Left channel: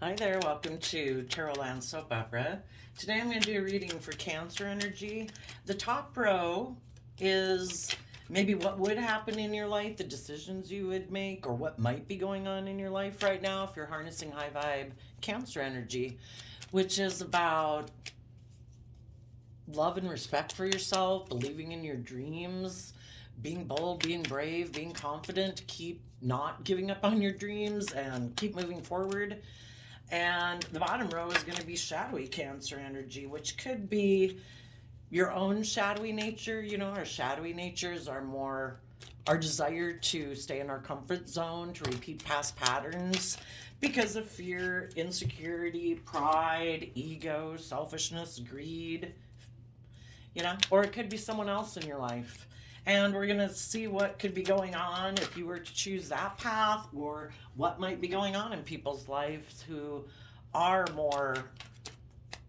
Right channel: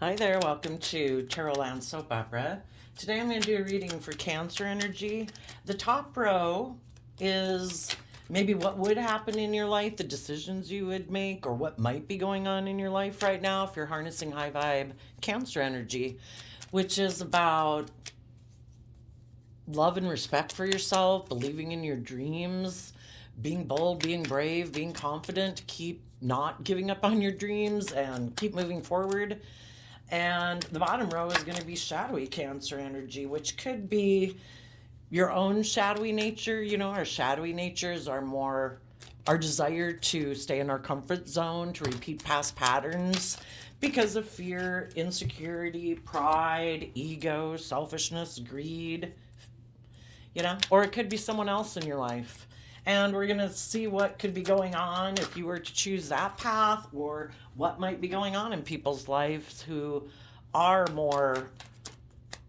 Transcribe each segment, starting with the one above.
Hi there, welcome to Tarot Land Soap Opera. Today I'm going to do a reading for Cancer energy. The top row is maybe what would happen in your life, the decisions you would make, or what might be going on in your life right now if you're harnessing high vibe Cancer energy, which is about love and respect for yourself, believing in your dreams, being bold, being brave, being confident, keep not giving up on your dreams and keep moving forward. And the bottom row is going to be shadowy Cancer energy, which could be your own shadowy nature. You know, our shadowy natures are more our desire to stay in our comfort zone, to repeat past patterns because of fear, insecurity, pride, ego, selfishness, greed, or it could be someone else in your life. And we're going to see what could be going on if you were to choose that path, or what might be going on in people's lives who are more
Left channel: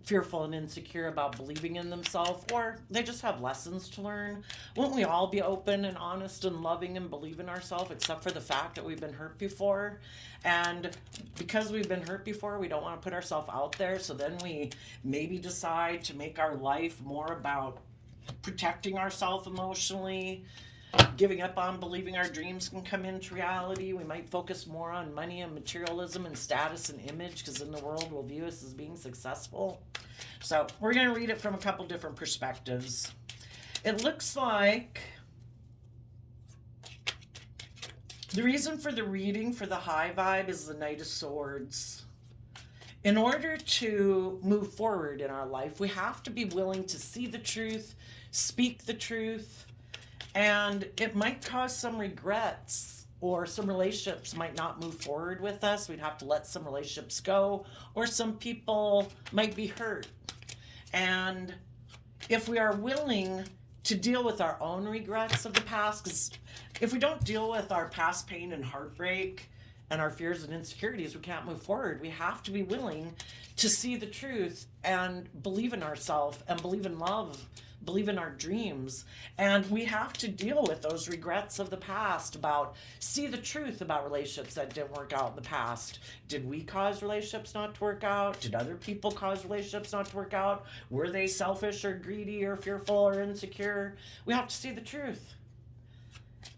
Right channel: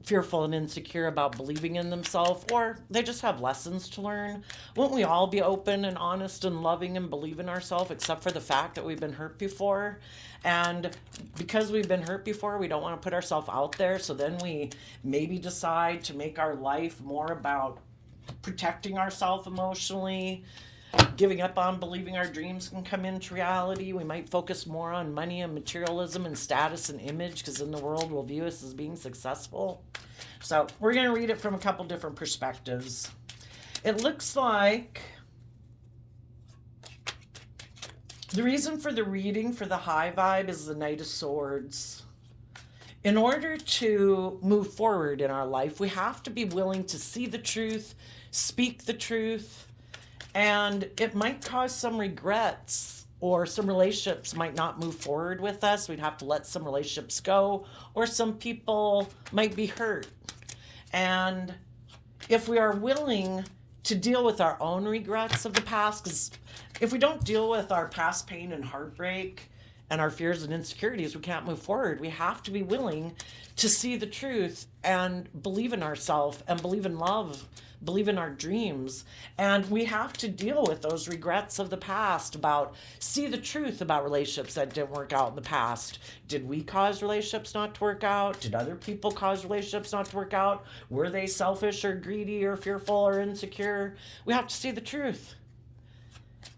fearful and insecure about believing in themselves, or they just have lessons to learn. Won't we all be open and honest and loving and believe in ourselves, except for the fact that we've been hurt before? And because we've been hurt before, we don't want to put ourselves out there. So then we maybe decide to make our life more about protecting ourselves emotionally, giving up on believing our dreams can come into reality. We might focus more on money and materialism and status and image because in the world we'll view us as being successful. So we're going to read it from a couple different perspectives. It looks like the reason for the reading for the high vibe is the Knight of Swords. In order to move forward in our life, we have to be willing to see the truth, speak the truth, and it might cause some regrets, or some relationships might not move forward with us. We'd have to let some relationships go, or some people might be hurt. And if we are willing to deal with our own regrets of the past, because if we don't deal with our past pain and heartbreak and our fears and insecurities, we can't move forward. We have to be willing to see the truth and believe in ourselves and believe in love, believe in our dreams. And we have to deal with those regrets of the past, see the truth about relationships that didn't work out in the past. Did we cause relationships not to work out? Did other people cause relationships not to work out? Were they selfish or greedy or fearful or insecure? We have to see the truth.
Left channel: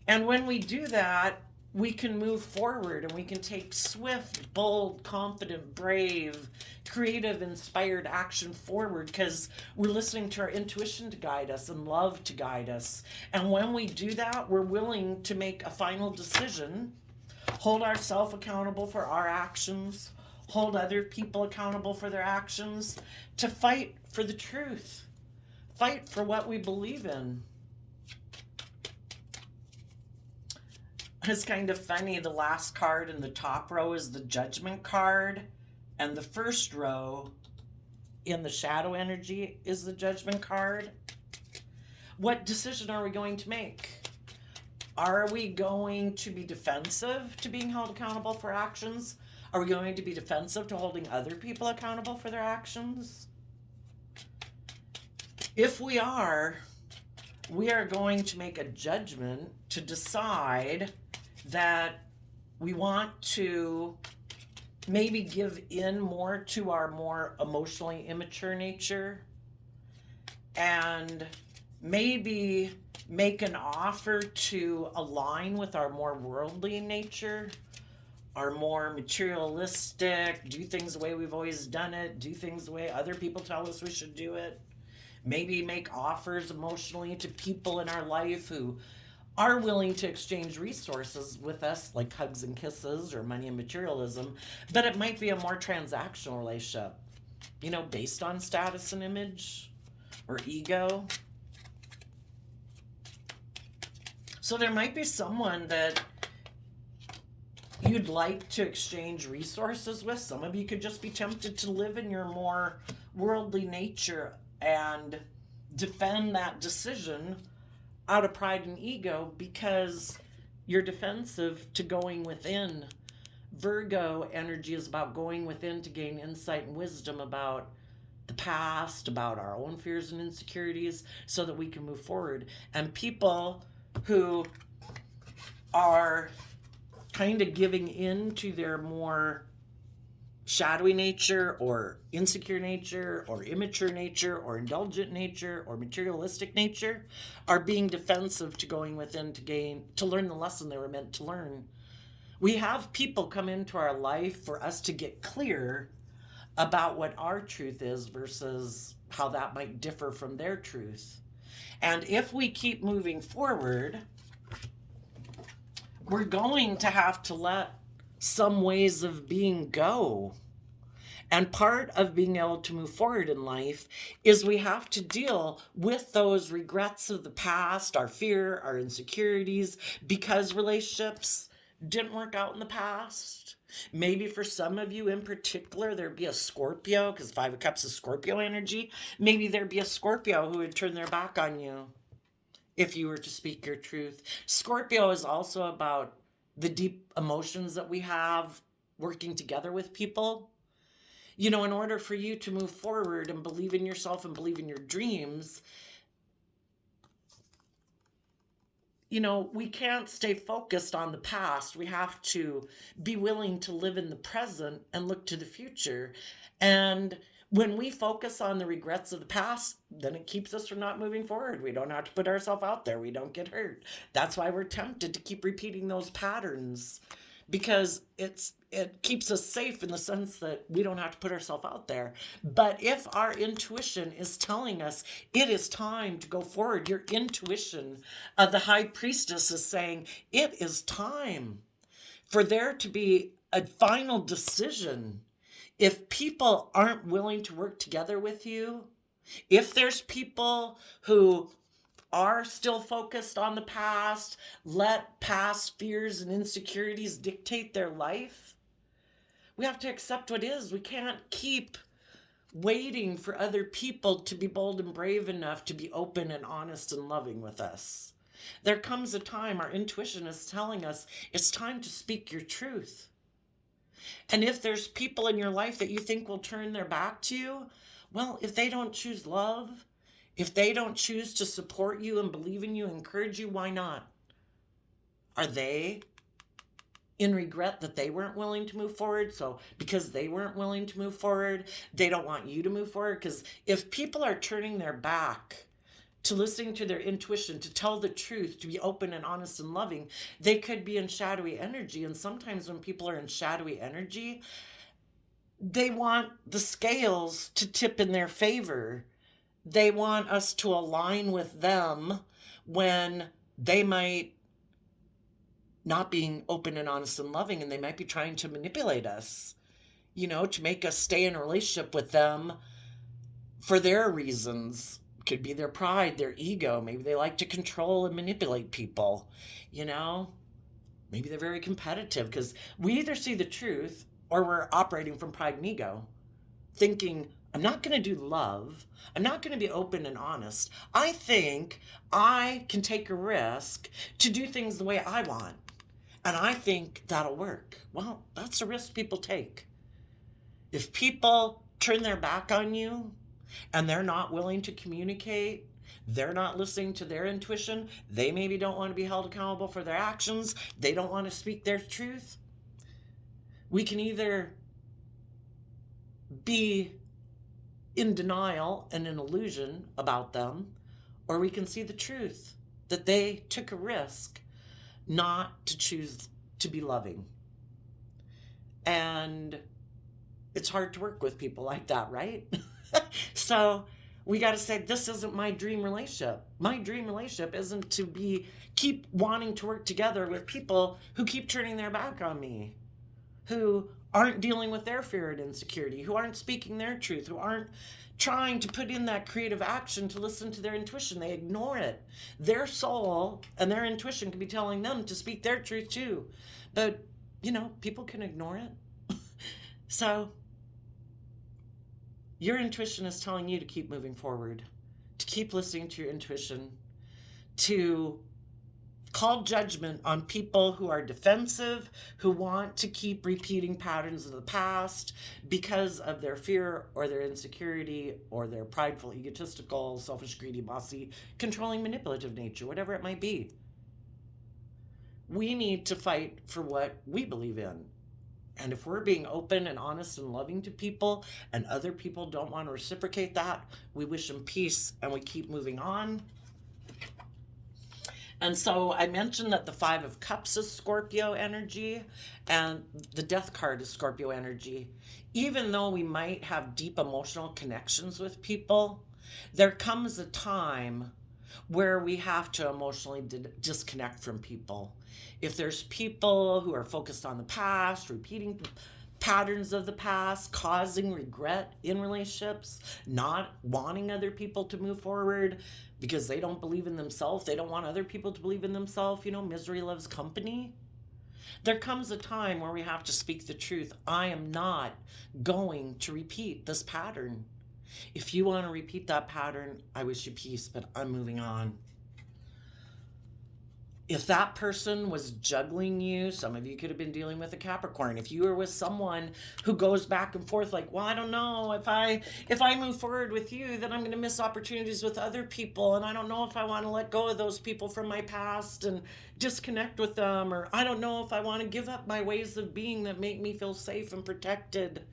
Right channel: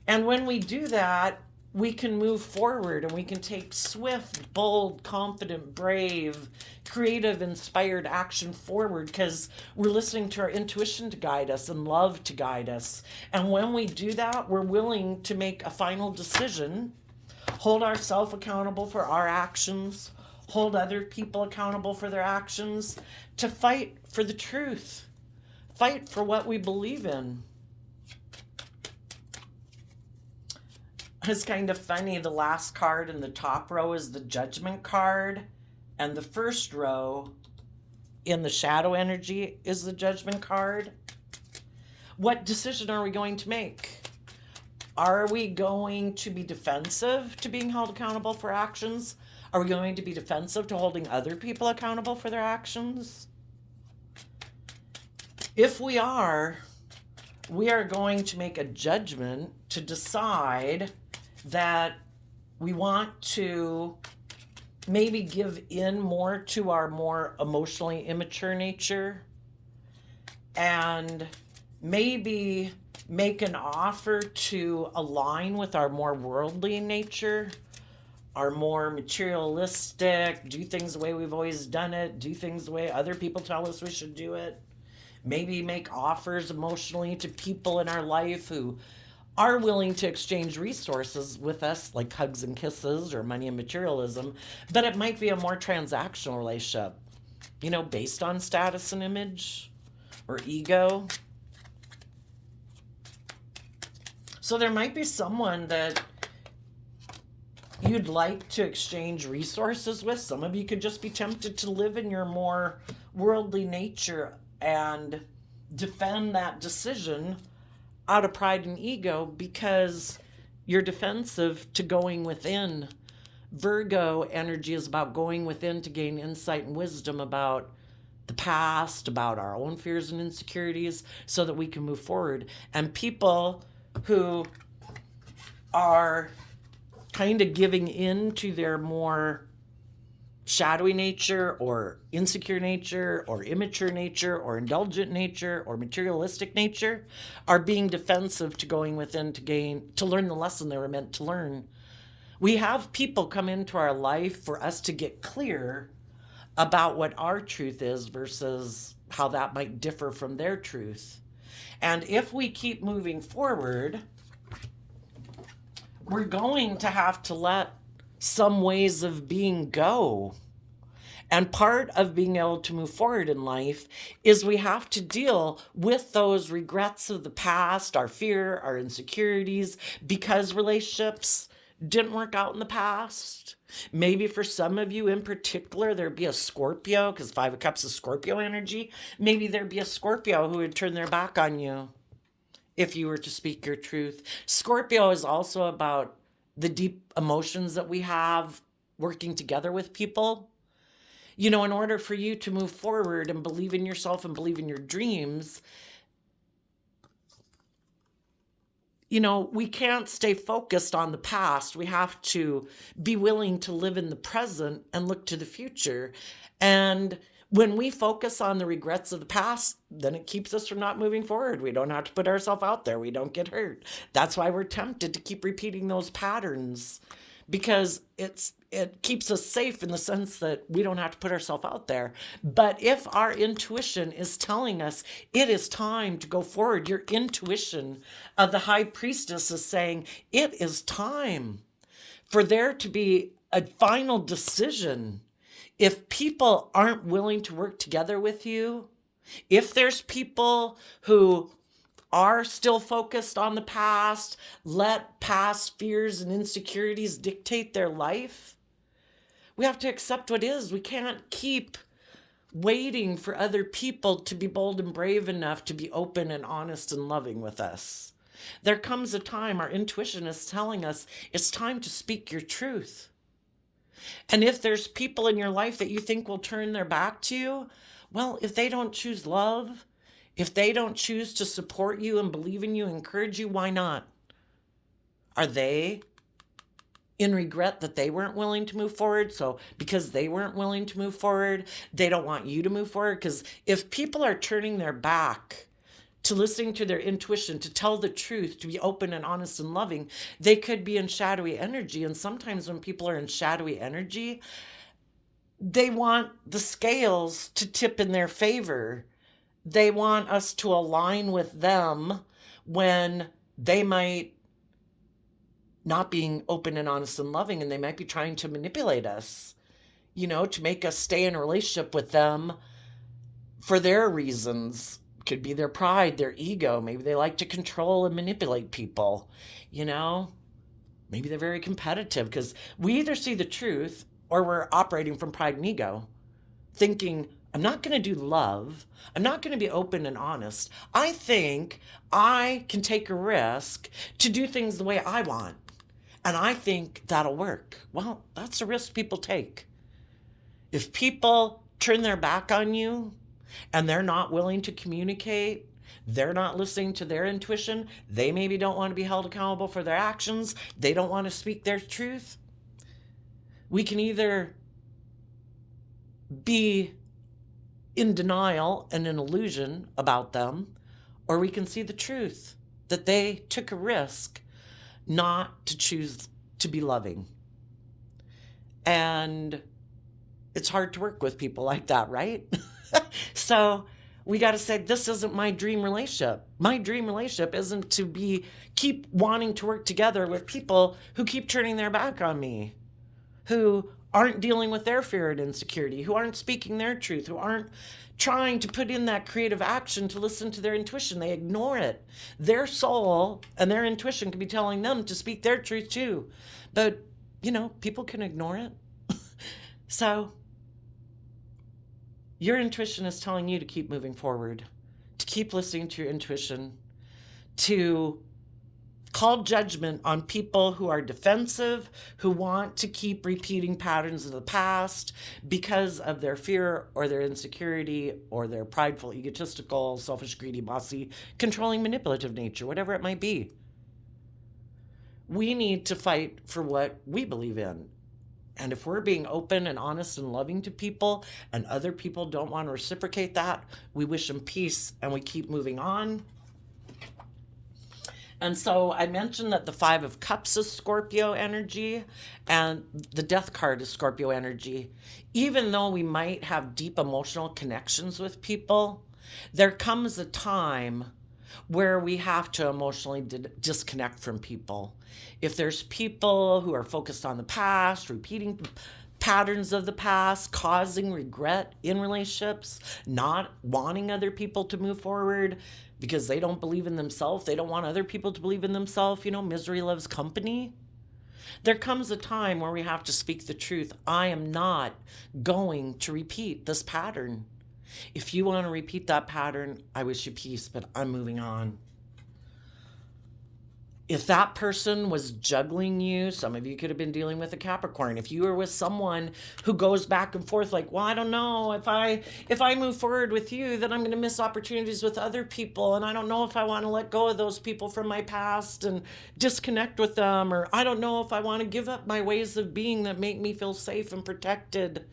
And when we do that, we can move forward and we can take swift, bold, confident, brave, creative, inspired action forward because we're listening to our intuition to guide us and love to guide us. And when we do that, we're willing to make a final decision, hold ourselves accountable for our actions, hold other people accountable for their actions, to fight for the truth, fight for what we believe in. It's kind of funny. The last card in the top row is the Judgment card, and the first row in the shadow energy is the Judgment card. What decision are we going to make? Are we going to be defensive to being held accountable for actions? Are we going to be defensive to holding other people accountable for their actions? If we are going to make a judgment to decide that we want to maybe give in more to our more emotionally immature nature and maybe make an offer to align with our more worldly nature, our more materialistic, do things the way we've always done it, do things the way other people tell us we should do it. Maybe make offers emotionally to people in our life who are willing to exchange resources with us, like hugs and kisses or money and materialism, but it might be a more transactional relationship, based on status and image or ego. So there might be someone that you'd like to exchange resources with. Some of you could just be tempted to live in your more worldly nature and defend that decision out of pride and ego because you're defensive to going within. Virgo energy is about going within to gain insight and wisdom about the past, about our own fears and insecurities, so that we can move forward. And people who are kind of giving in to their more shadowy nature or insecure nature or immature nature or indulgent nature or materialistic nature are being defensive to going within to learn the lesson they were meant to learn. We have people come into our life for us to get clear about what our truth is versus how that might differ from their truth. And if we keep moving forward, we're going to have to let some ways of being go. And part of being able to move forward in life is we have to deal with those regrets of the past, our fear, our insecurities, because relationships didn't work out in the past. Maybe for some of you in particular, there'd be a Scorpio, because Five of Cups is Scorpio energy. Maybe there'd be a Scorpio who would turn their back on you if you were to speak your truth. Scorpio is also about the deep emotions that we have working together with people. You know, in order for you to move forward and believe in yourself and believe in your dreams, you know, we can't stay focused on the past. We have to be willing to live in the present and look to the future. And when we focus on the regrets of the past, then it keeps us from not moving forward. We don't have to put ourselves out there. We don't get hurt. That's why we're tempted to keep repeating those patterns, because it keeps us safe in the sense that we don't have to put ourselves out there. But if our intuition is telling us it is time to go forward, your intuition, the high priestess is saying it is time for there to be a final decision. If people aren't willing to work together with you, if there's people who are still focused on the past, let past fears and insecurities dictate their life, we have to accept what is. We can't keep waiting for other people to be bold and brave enough to be open and honest and loving with us. There comes a time our intuition is telling us it's time to speak your truth. And if there's people in your life that you think will turn their back to you, well, if they don't choose love, if they don't choose to support you and believe in you, encourage you, why not? Are they in regret that they weren't willing to move forward? So because they weren't willing to move forward, they don't want you to move forward? Because if people are turning their back to listening to their intuition, to tell the truth, to be open and honest and loving, they could be in shadowy energy. And sometimes when people are in shadowy energy, they want the scales to tip in their favor. They want us to align with them when they might not being open and honest and loving, and they might be trying to manipulate us, you know, to make us stay in a relationship with them for their reasons. Could be their pride, their ego. Maybe they like to control and manipulate people, you know. Maybe they're very competitive, because we either see the truth or we're operating from pride and ego, thinking, I'm not going to do love. I'm not going to be open and honest. I think I can take a risk to do things the way I want. And I think that'll work. Well, that's a risk people take. If people turn their back on you and they're not willing to communicate, they're not listening to their intuition, they maybe don't want to be held accountable for their actions, they don't want to speak their truth, we can either be in denial and an illusion about them, or we can see the truth, that they took a risk not to choose to be loving. And it's hard to work with people like that, right? So we got to say, this isn't my dream relationship. My dream relationship isn't to keep wanting to work together with people who keep turning their back on me, who aren't dealing with their fear and insecurity, who aren't speaking their truth, who aren't trying to put in that creative action to listen to their intuition. They ignore it. Their soul and their intuition could be telling them to speak their truth too. But, you know, people can ignore it. So your intuition is telling you to keep moving forward, to keep listening to your intuition, to call judgment on people who are defensive, who want to keep repeating patterns of the past because of their fear or their insecurity or their prideful, egotistical, selfish, greedy, bossy, controlling, manipulative nature, whatever it might be. We need to fight for what we believe in. And if we're being open and honest and loving to people and other people don't want to reciprocate that, we wish them peace and we keep moving on. And so I mentioned that the Five of Cups is Scorpio energy and the Death card is Scorpio energy. Even though we might have deep emotional connections with people, there comes a time where we have to emotionally disconnect from people. If there's people who are focused on the past, repeating patterns of the past, causing regret in relationships, not wanting other people to move forward because they don't believe in themselves, they don't want other people to believe in themselves, misery loves company. There comes a time where we have to speak the truth. I am not going to repeat this pattern. If you want to repeat that pattern, I wish you peace, but I'm moving on. If that person was juggling you, some of you could have been dealing with a Capricorn. If you were with someone who goes back and forth like, well, I don't know, if I move forward with you, then I'm going to miss opportunities with other people. And I don't know if I want to let go of those people from my past and disconnect with them. Or I don't know if I want to give up my ways of being that make me feel safe and protected.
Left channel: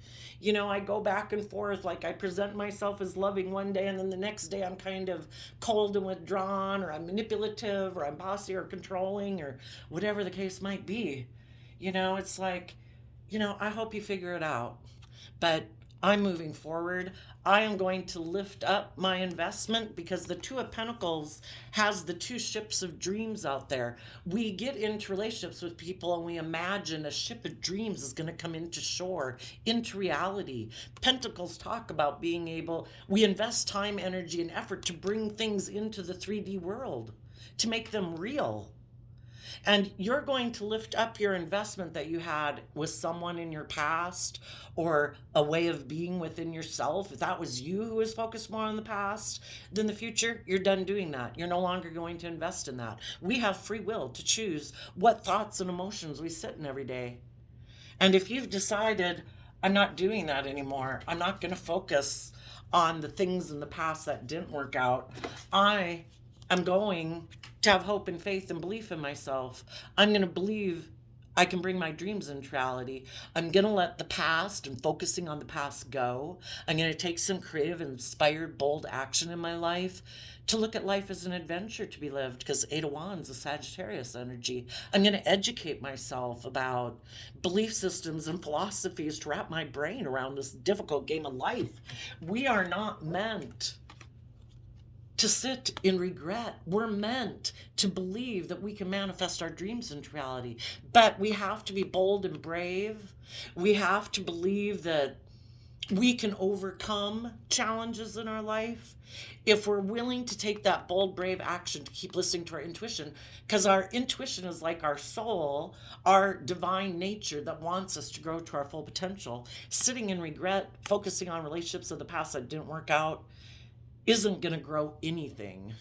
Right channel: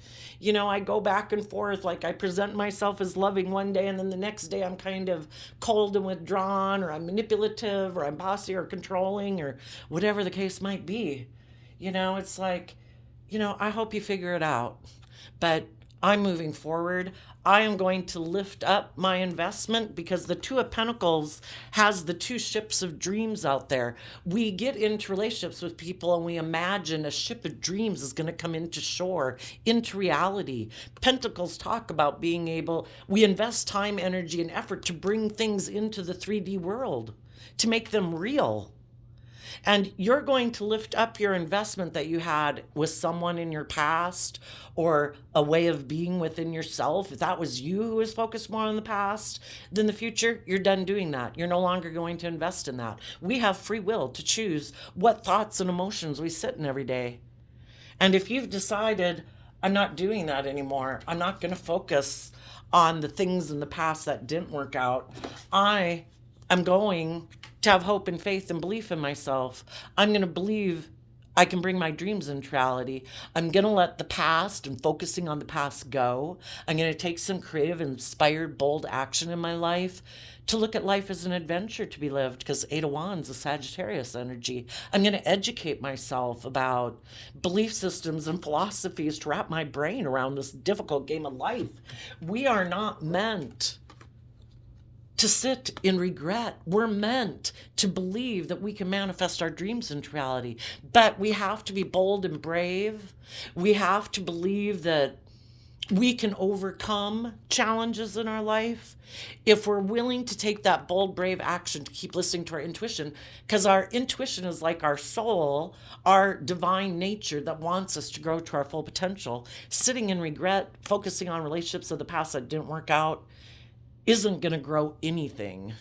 I go back and forth, like I present myself as loving one day and then the next day I'm kind of cold and withdrawn, or I'm manipulative, or I'm bossy or controlling, or whatever the case might be. It's like, I hope you figure it out. But I'm moving forward. I am going to lift up my investment because the Two of Pentacles has the two ships of dreams out there. We get into relationships with people and we imagine a ship of dreams is going to come into shore, into reality. Pentacles talk about we invest time, energy, and effort to bring things into the 3D world, to make them real. And you're going to lift up your investment that you had with someone in your past, or a way of being within yourself. If that was you who was focused more on the past than the future, you're done doing that. You're no longer going to invest in that. We have free will to choose what thoughts and emotions we sit in every day. And if you've decided, I'm not doing that anymore, I'm not going to focus on the things in the past that didn't work out, I am going to have hope and faith and belief in myself. I'm going to believe I can bring my dreams into reality. I'm going to let the past and focusing on the past go. I'm going to take some creative, inspired, bold action in my life to look at life as an adventure to be lived, because Eight of Wands is Sagittarius energy. I'm going to educate myself about belief systems and philosophies to wrap my brain around this difficult game of life. We are not meant to sit in regret. We're meant to believe that we can manifest our dreams into reality. But we have to be bold and brave. We have to believe that we can overcome challenges in our life if we're willing to take that bold, brave action to keep listening to our intuition. Because our intuition is like our soul, our divine nature that wants us to grow to our full potential. Sitting in regret, focusing on relationships of the past that didn't work out, isn't going to grow anything.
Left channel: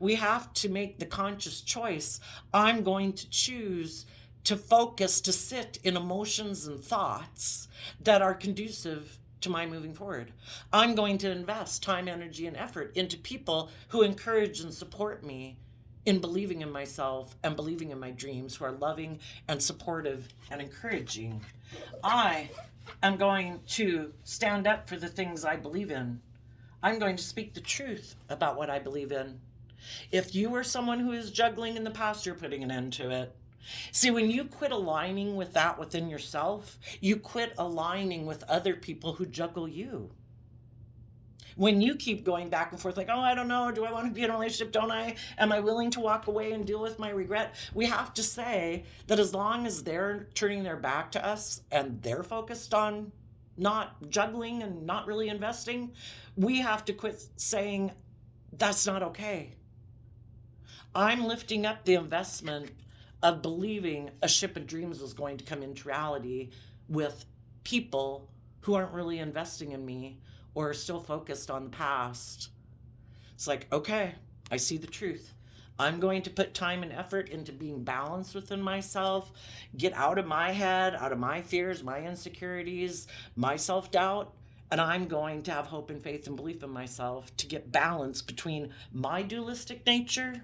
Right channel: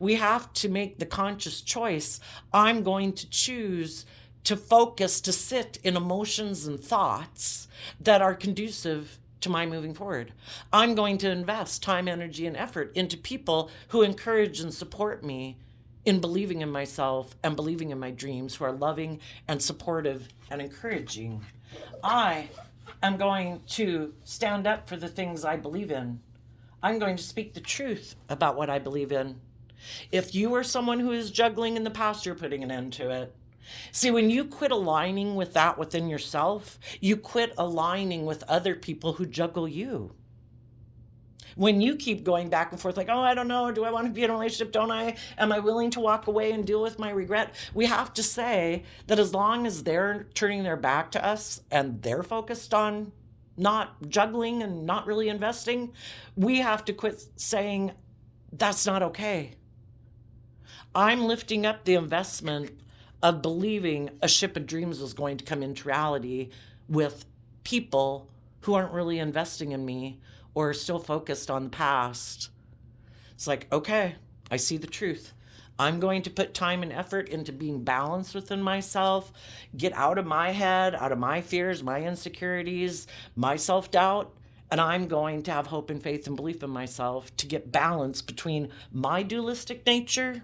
We have to make the conscious choice. I'm going to choose to focus, to sit in emotions and thoughts that are conducive to my moving forward. I'm going to invest time, energy, and effort into people who encourage and support me in believing in myself and believing in my dreams, who are loving and supportive and encouraging. I am going to stand up for the things I believe in. I'm going to speak the truth about what I believe in. If you are someone who is juggling in the past, you're putting an end to it. See, when you quit aligning with that within yourself, you quit aligning with other people who juggle you. When you keep going back and forth like, oh, I don't know, do I want to be in a relationship, don't I? Am I willing to walk away and deal with my regret? We have to say that as long as they're turning their back to us and they're focused on not juggling and not really investing, we have to quit saying that's not okay. I'm lifting up the investment of believing a ship of dreams is going to come into reality with people who aren't really investing in me or are still focused on the past. It's like, okay, I see the truth. I'm going to put time and effort into being balanced within myself, get out of my head, out of my fears, my insecurities, my self-doubt, and I'm going to have hope and faith and belief in myself to get balance between my dualistic nature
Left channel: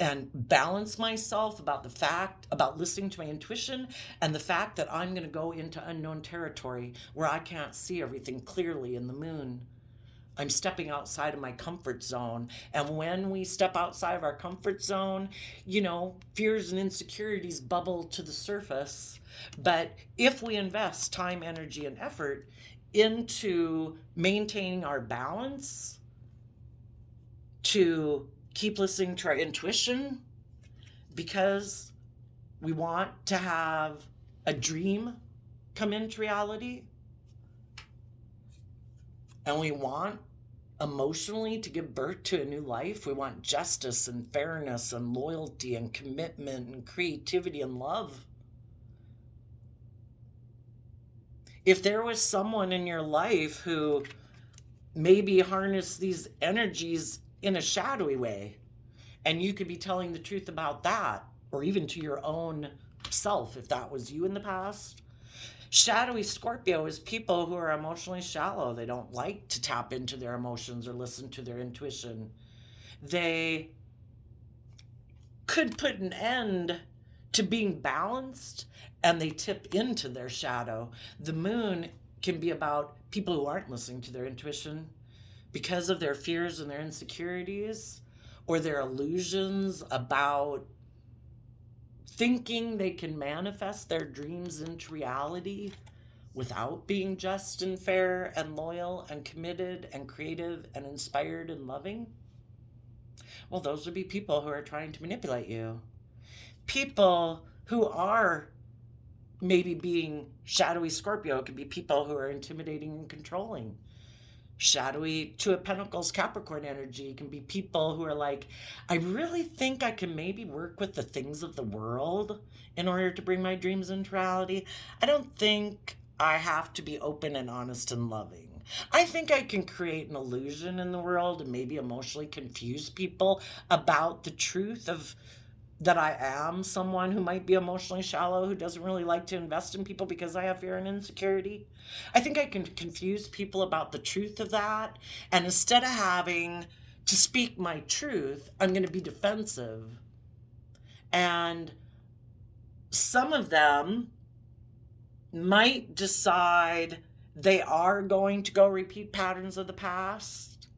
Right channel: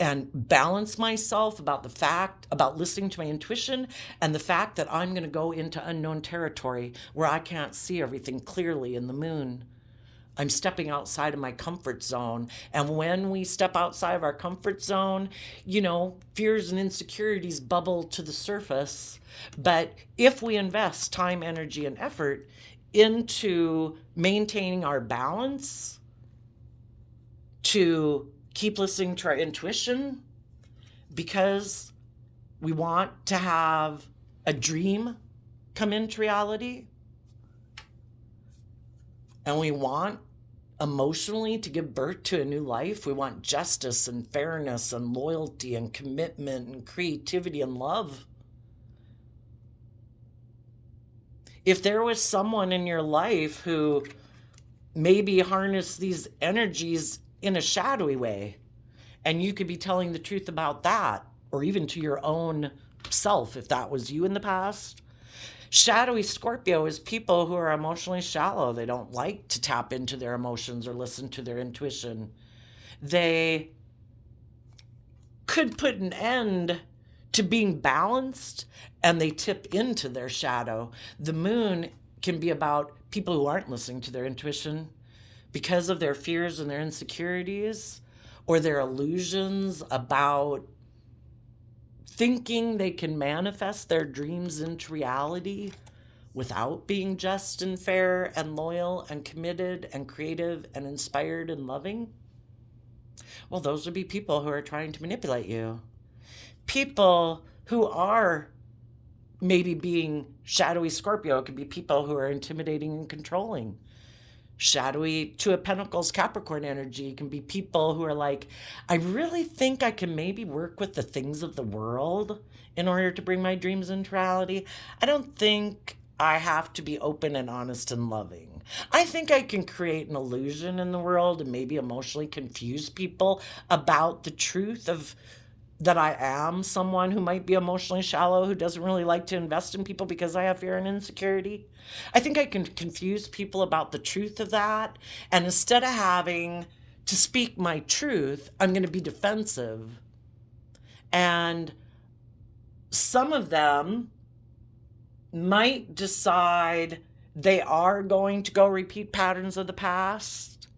and balance myself about listening to my intuition and the fact that I'm going to go into unknown territory where I can't see everything clearly in the moon. I'm stepping outside of my comfort zone. And when we step outside of our comfort zone, fears and insecurities bubble to the surface. But if we invest time, energy, and effort into maintaining our balance, to keep listening to our intuition, because we want to have a dream come into reality, and we want emotionally to give birth to a new life. We want justice and fairness and loyalty and commitment and creativity and love. If there was someone in your life who maybe harnessed these energies in a shadowy way, and you could be telling the truth about that, or even to your own self, if that was you in the past. Shadowy Scorpio is people who are emotionally shallow. They don't like to tap into their emotions or listen to their intuition. They could put an end to being balanced, and they tip into their shadow. The moon can be about people who aren't listening to their intuition because of their fears and their insecurities, or their illusions about thinking they can manifest their dreams into reality without being just and fair and loyal and committed and creative and inspired and loving. Well, those would be people who are trying to manipulate you. People who are maybe being shadowy Scorpio could be people who are intimidating and controlling. Shadowy Two of Pentacles Capricorn energy can be people who are like, I really think I can maybe work with the things of the world in order to bring my dreams into reality. I don't think I have to be open and honest and loving. I think I can create an illusion in the world and maybe emotionally confuse people about the truth of that I am someone who might be emotionally shallow, who doesn't really like to invest in people because I have fear and insecurity. I think I can confuse people about the truth of that. And instead of having to speak my truth, I'm going to be defensive. And some of them might decide they are going to go repeat patterns of the past.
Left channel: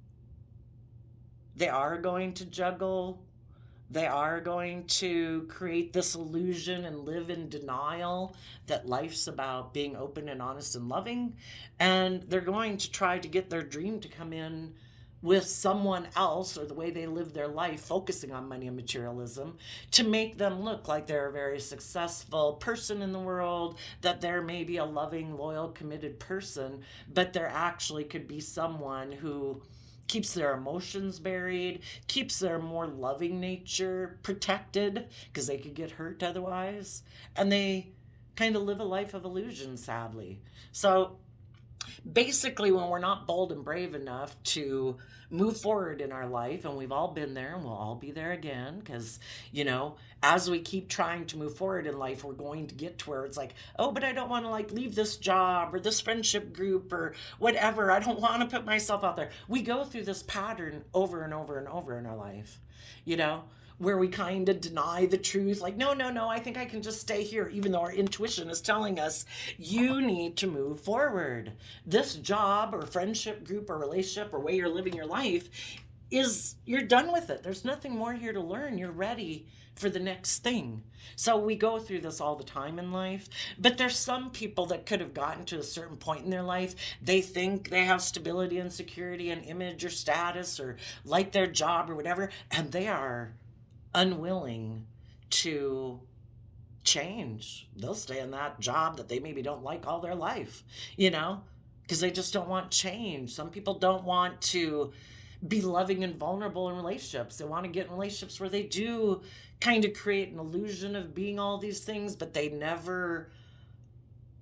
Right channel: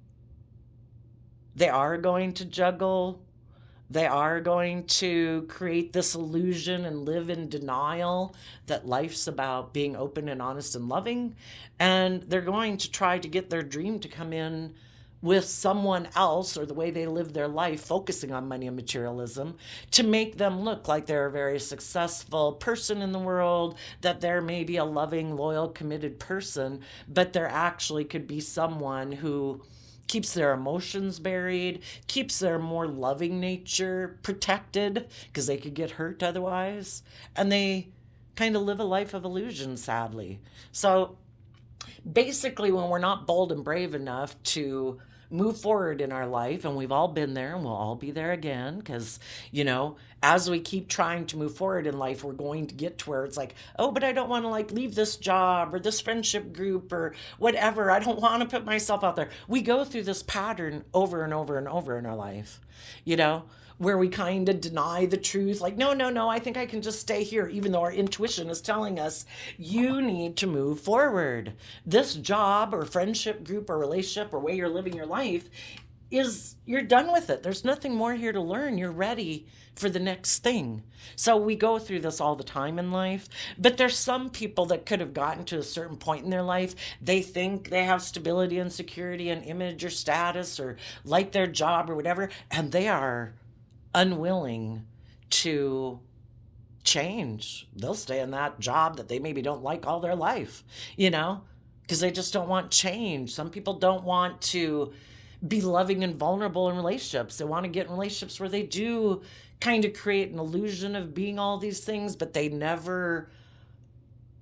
They are going to juggle. They are going to create this illusion and live in denial that life's about being open and honest and loving. And they're going to try to get their dream to come in with someone else, or the way they live their life, focusing on money and materialism, to make them look like they're a very successful person in the world, that they're maybe a loving, loyal, committed person, but there actually could be someone who keeps their emotions buried, keeps their more loving nature protected because they could get hurt otherwise. And they kind of live a life of illusion, sadly. So basically, when we're not bold and brave enough to move forward in our life, and we've all been there and we'll all be there again, because as we keep trying to move forward in life, we're going to get to where it's like, oh, but I don't want to leave this job or this friendship group or whatever. I don't want to put myself out there. We go through this pattern over and over and over in our life, where we kind of deny the truth. Like, no, I think I can just stay here, even though our intuition is telling us you need to move forward. This job or friendship group or relationship or way you're living your life you're done with it. There's nothing more here to learn. You're ready for the next thing. So we go through this all the time in life, but there's some people that could have gotten to a certain point in their life. They think they have stability and security and image or status or like their job or whatever, and they are unwilling to change. They'll stay in that job that they maybe don't like all their life, because they just don't want change. Some people don't want to be loving and vulnerable in relationships. They want to get in relationships where they do kind of create an illusion of being all these things, but they never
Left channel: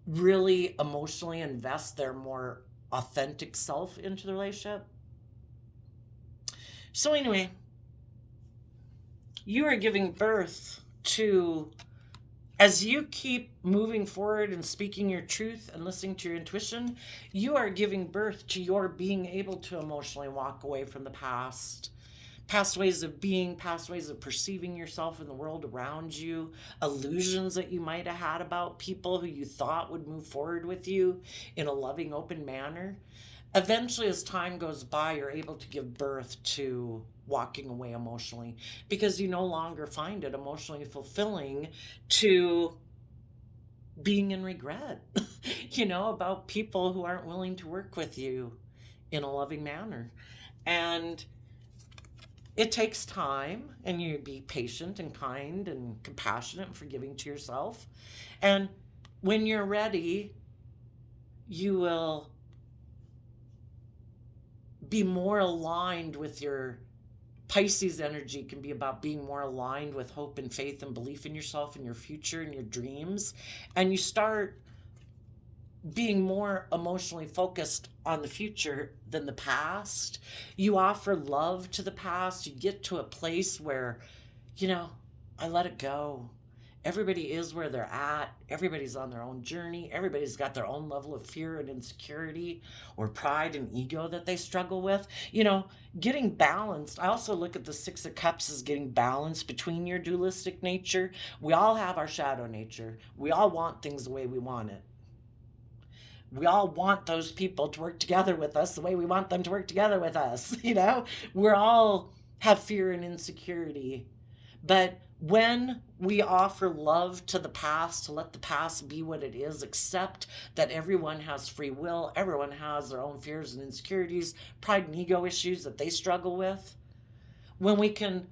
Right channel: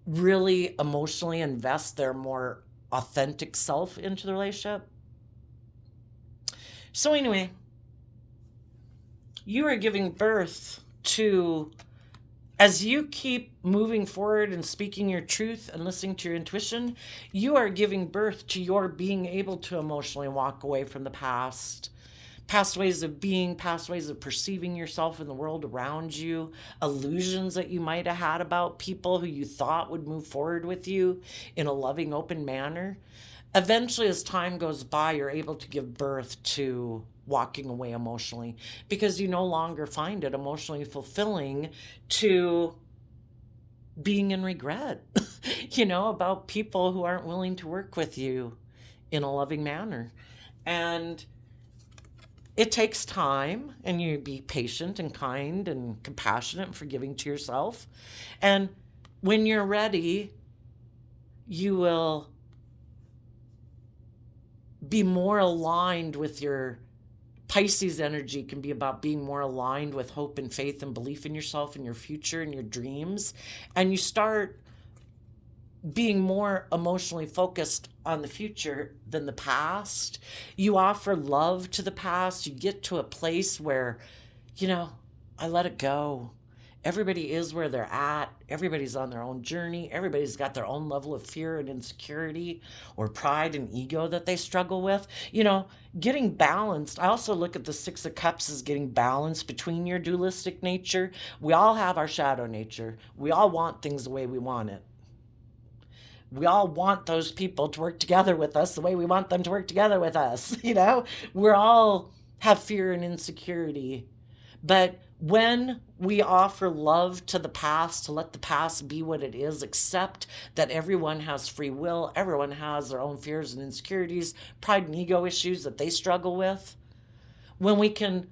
really emotionally invest their more authentic self into the relationship. So anyway, you are giving birth to, as you keep moving forward and speaking your truth and listening to your intuition, you are giving birth to your being able to emotionally walk away from the past, past ways of being, past ways of perceiving yourself in the world around you, illusions that you might have had about people who you thought would move forward with you in a loving, open manner. Eventually, as time goes by, you're able to give birth to walking away emotionally because you no longer find it emotionally fulfilling to being in regret, about people who aren't willing to work with you in a loving manner. And it takes time, and you be patient and kind and compassionate and forgiving to yourself. And when you're ready, you will be more aligned with your Pisces energy. Can be about being more aligned with hope and faith and belief in yourself and your future and your dreams. And you start being more emotionally focused on the future than the past. You offer love to the past. You get to a place where, I let it go. Everybody is where they're at. Everybody's on their own journey. Everybody's got their own level of fear and insecurity or pride and ego that they struggle with. Getting balanced. I also look at the Six of Cups as getting balanced between your dualistic nature. We all have our shadow nature. We all want things the way we want it. We all want those people to work together with us the way we want them to work together with us. We all have fear and insecurity. But when we offer love to the past, to let the past be what it is, accept that everyone has free will, everyone has their own fears and insecurities, pride and ego issues that they struggle with, when we can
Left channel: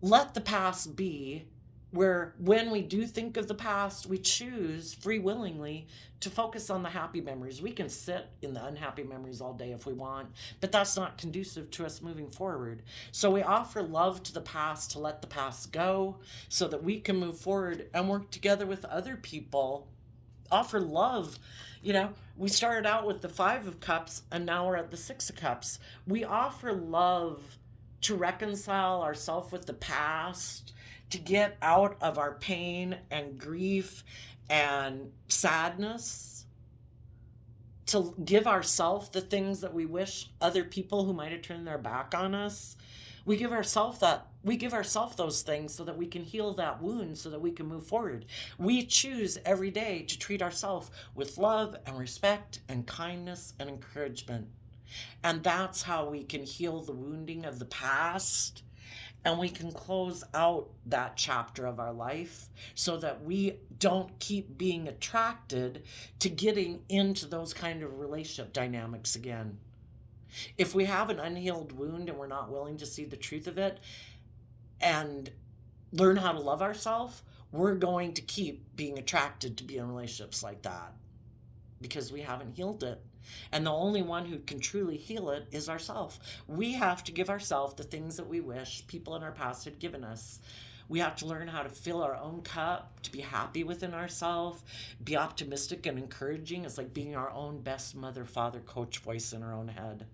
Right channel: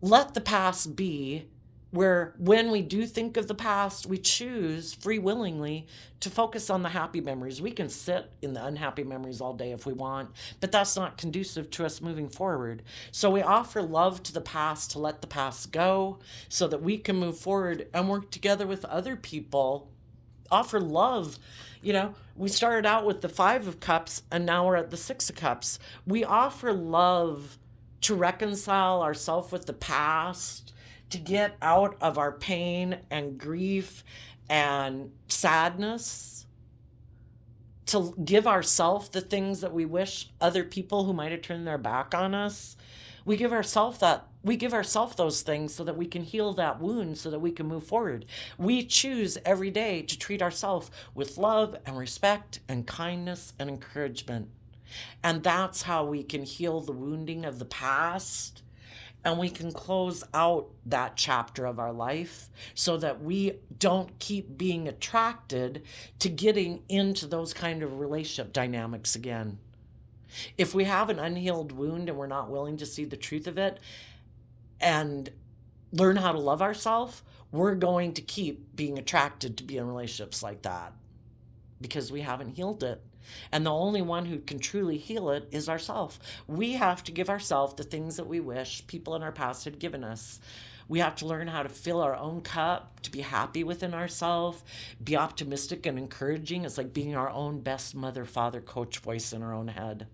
let the past be, where when we do think of the past, we choose free willingly to focus on the happy memories. We can sit in the unhappy memories all day if we want, but that's not conducive to us moving forward. So we offer love to the past to let the past go so that we can move forward and work together with other people. Offer love. We started out with the Five of Cups and now we're at the Six of Cups. We offer love to reconcile ourselves with the past, to get out of our pain and grief and sadness, to give ourselves the things that we wish other people who might have turned their back on us. We give ourselves those things so that we can heal that wound, so that we can move forward. We choose every day to treat ourselves with love and respect and kindness and encouragement. And that's how we can heal the wounding of the past. And we can close out that chapter of our life so that we don't keep being attracted to getting into those kind of relationship dynamics again. If we have an unhealed wound and we're not willing to see the truth of it and learn how to love ourselves, we're going to keep being attracted to be in relationships like that because we haven't healed it. And the only one who can truly heal it is ourselves. We have to give ourselves the things that we wish people in our past had given us. We have to learn how to fill our own cup, to be happy within ourselves, be optimistic and encouraging. It's like being our own best mother, father, coach voice in our own head.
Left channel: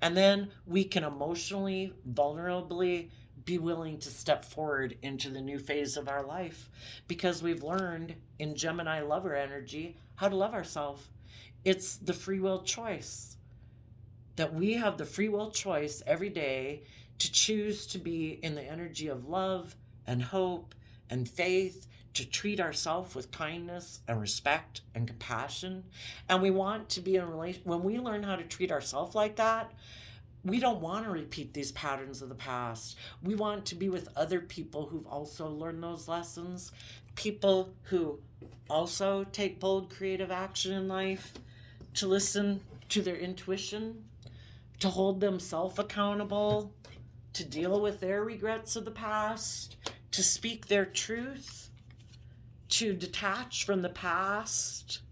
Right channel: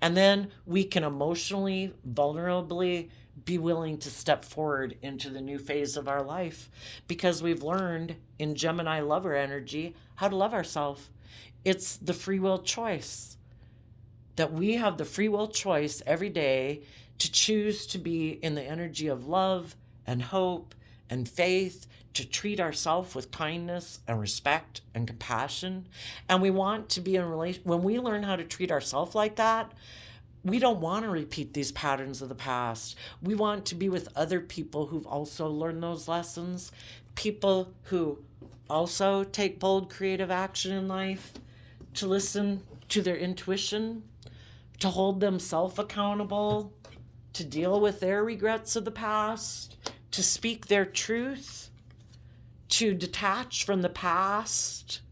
And then we can emotionally, vulnerably be willing to step forward into the new phase of our life because we've learned in Gemini lover energy how to love ourselves. It's the free will choice, that we have the free will choice every day to choose to be in the energy of love and hope and faith, to treat ourselves with kindness and respect and compassion. And we want to be in a relationship. When we learn how to treat ourselves like that, we don't want to repeat these patterns of the past. We want to be with other people who've also learned those lessons, people who also take bold, creative action in life, to listen to their intuition, to hold themselves accountable, to deal with their regrets of the past, to speak their truth, to detach from the past,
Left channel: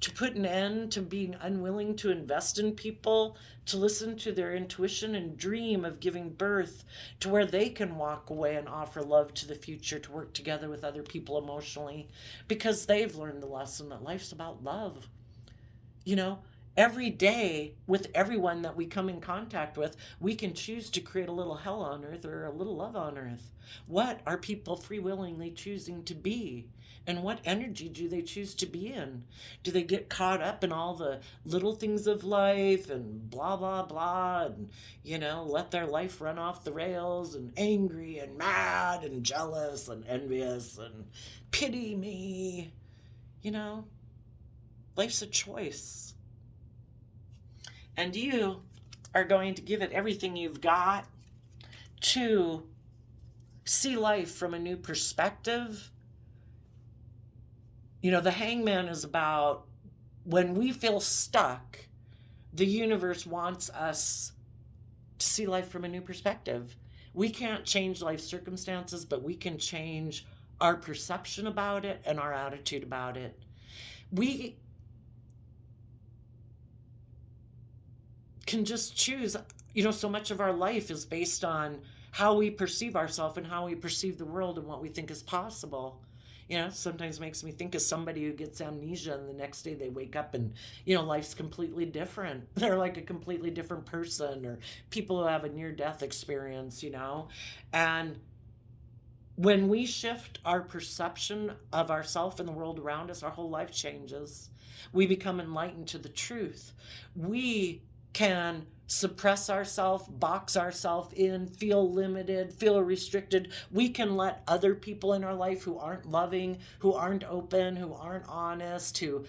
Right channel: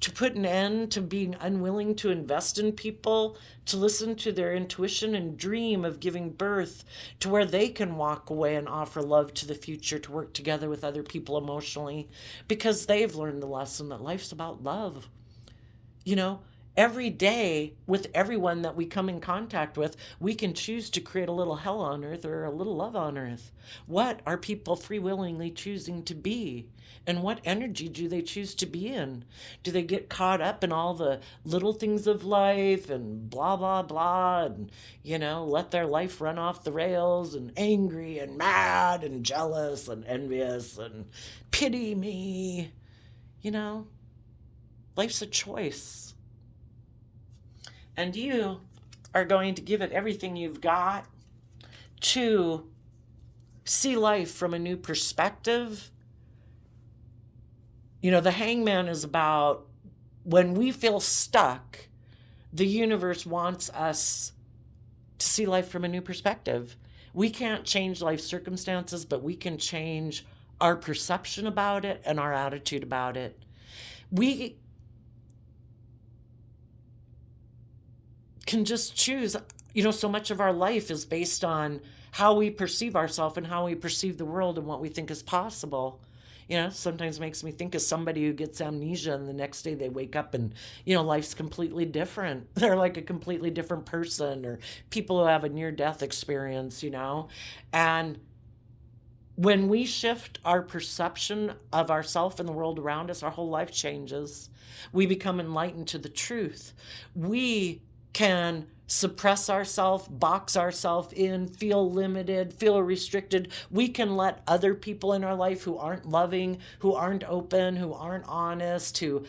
to put an end to being unwilling to invest in people, to listen to their intuition and dream of giving birth to where they can walk away and offer love to the future, to work together with other people emotionally because they've learned the lesson that life's about love. every day with everyone that we come in contact with, we can choose to create a little hell on earth or a little love on earth. What are people free willingly choosing to be? And what energy do they choose to be in? Do they get caught up in all the little things of life and blah, blah, blah, and, let their life run off the rails and angry and mad and jealous and envious and pity me? Life's a choice. And you are going to give it everything you've got to see life from a new perspective. The hangman is about when we feel stuck, the universe wants us to see life from a new perspective. We can't change life circumstances, but we can change our perception about it and our attitude about it. We can just choose. So much of our life is based on how we perceive ourselves and how we perceive the world and what we think is possible. Sometimes makes me think of somebody who gets amnesia and the next day they wake up and, life's completely different. They're like a completely different person, or people who have a near-death experience, And when we shift our perception of ourselves and the world around us, our whole life changes. We become enlightened to the truth. We can suppress ourselves, box ourselves in, feel limited, feel restricted. We can let other people in our life who aren't loving, who aren't open, who aren't honest, who,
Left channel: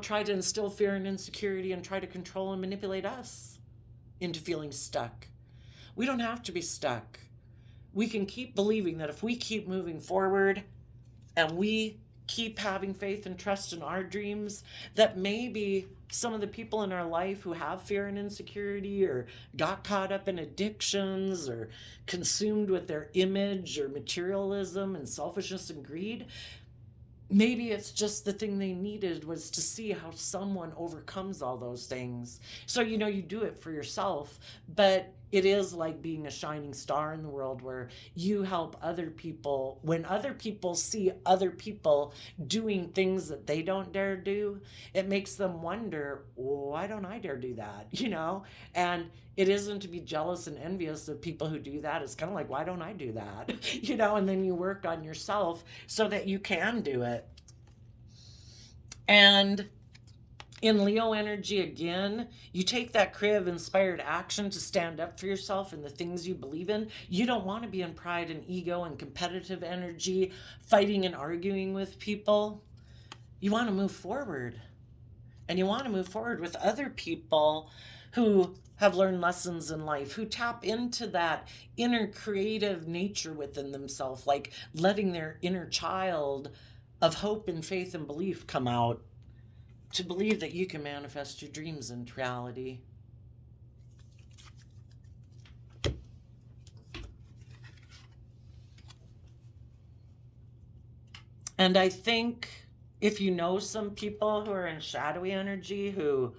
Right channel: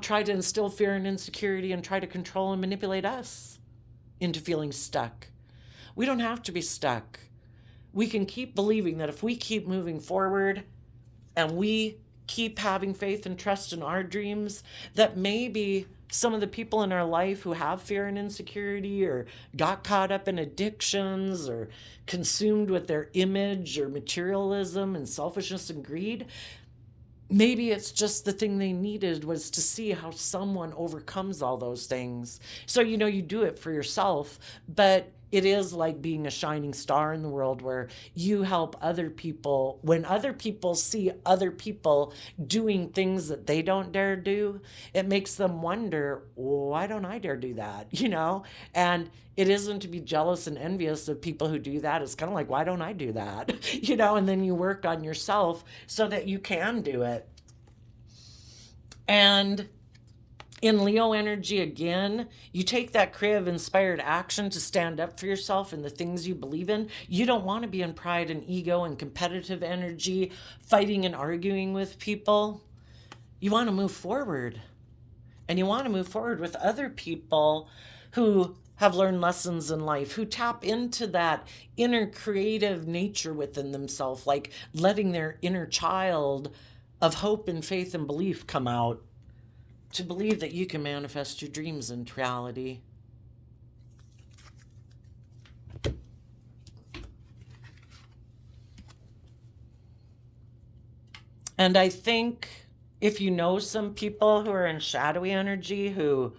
try to instill fear and insecurity and try to control and manipulate us into feeling stuck. We don't have to be stuck. We can keep believing that if we keep moving forward and we keep having faith and trust in our dreams, that maybe some of the people in our life who have fear and insecurity or got caught up in addictions or consumed with their image or materialism and selfishness and greed, maybe it's just the thing they needed was to see how someone overcomes all those things. So, you do it for yourself, but it is like being a shining star in the world where you help other people. When other people see other people doing things that they don't dare do, it makes them wonder, why don't I dare do that? And it isn't to be jealous and envious of people who do that. It's kind of like, why don't I do that? And then you work on yourself so that you can do it. And in Leo energy, again, you take that creative inspired action to stand up for yourself and the things you believe in. You don't want to be in pride and ego and competitive energy, fighting and arguing with people. You want to move forward. And you want to move forward with other people who have learned lessons in life, who tap into that inner creative nature within themselves, like letting their inner child of hope and faith and belief come out, to believe that you can manifest your dreams into reality. And I think if you know some people who are in shadowy energy, who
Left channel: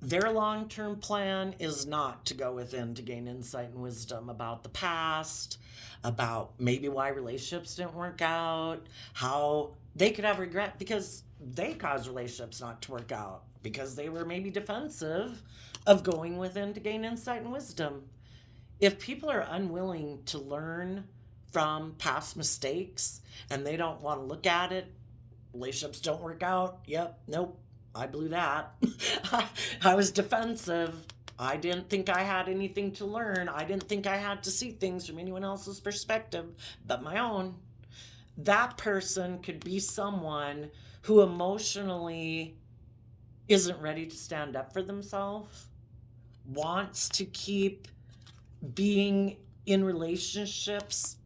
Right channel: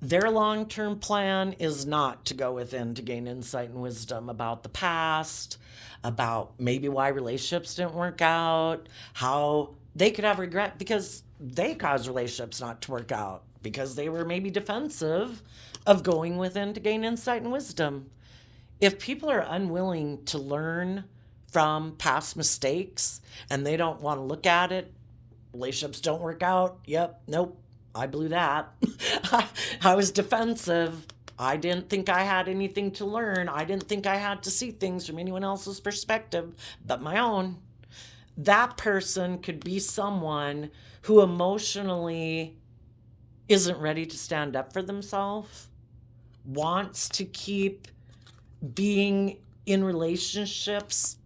their long-term plan is not to go within to gain insight and wisdom about the past, about maybe why relationships didn't work out, how they could have regret because they caused relationships not to work out, because they were maybe defensive of going within to gain insight and wisdom. If people are unwilling to learn from past mistakes and they don't want to look at it, relationships don't work out. Yep, nope, I blew that. I was defensive. I didn't think I had anything to learn. I didn't think I had to see things from anyone else's perspective but my own. That person could be someone who emotionally isn't ready to stand up for themselves, wants to keep being in relationships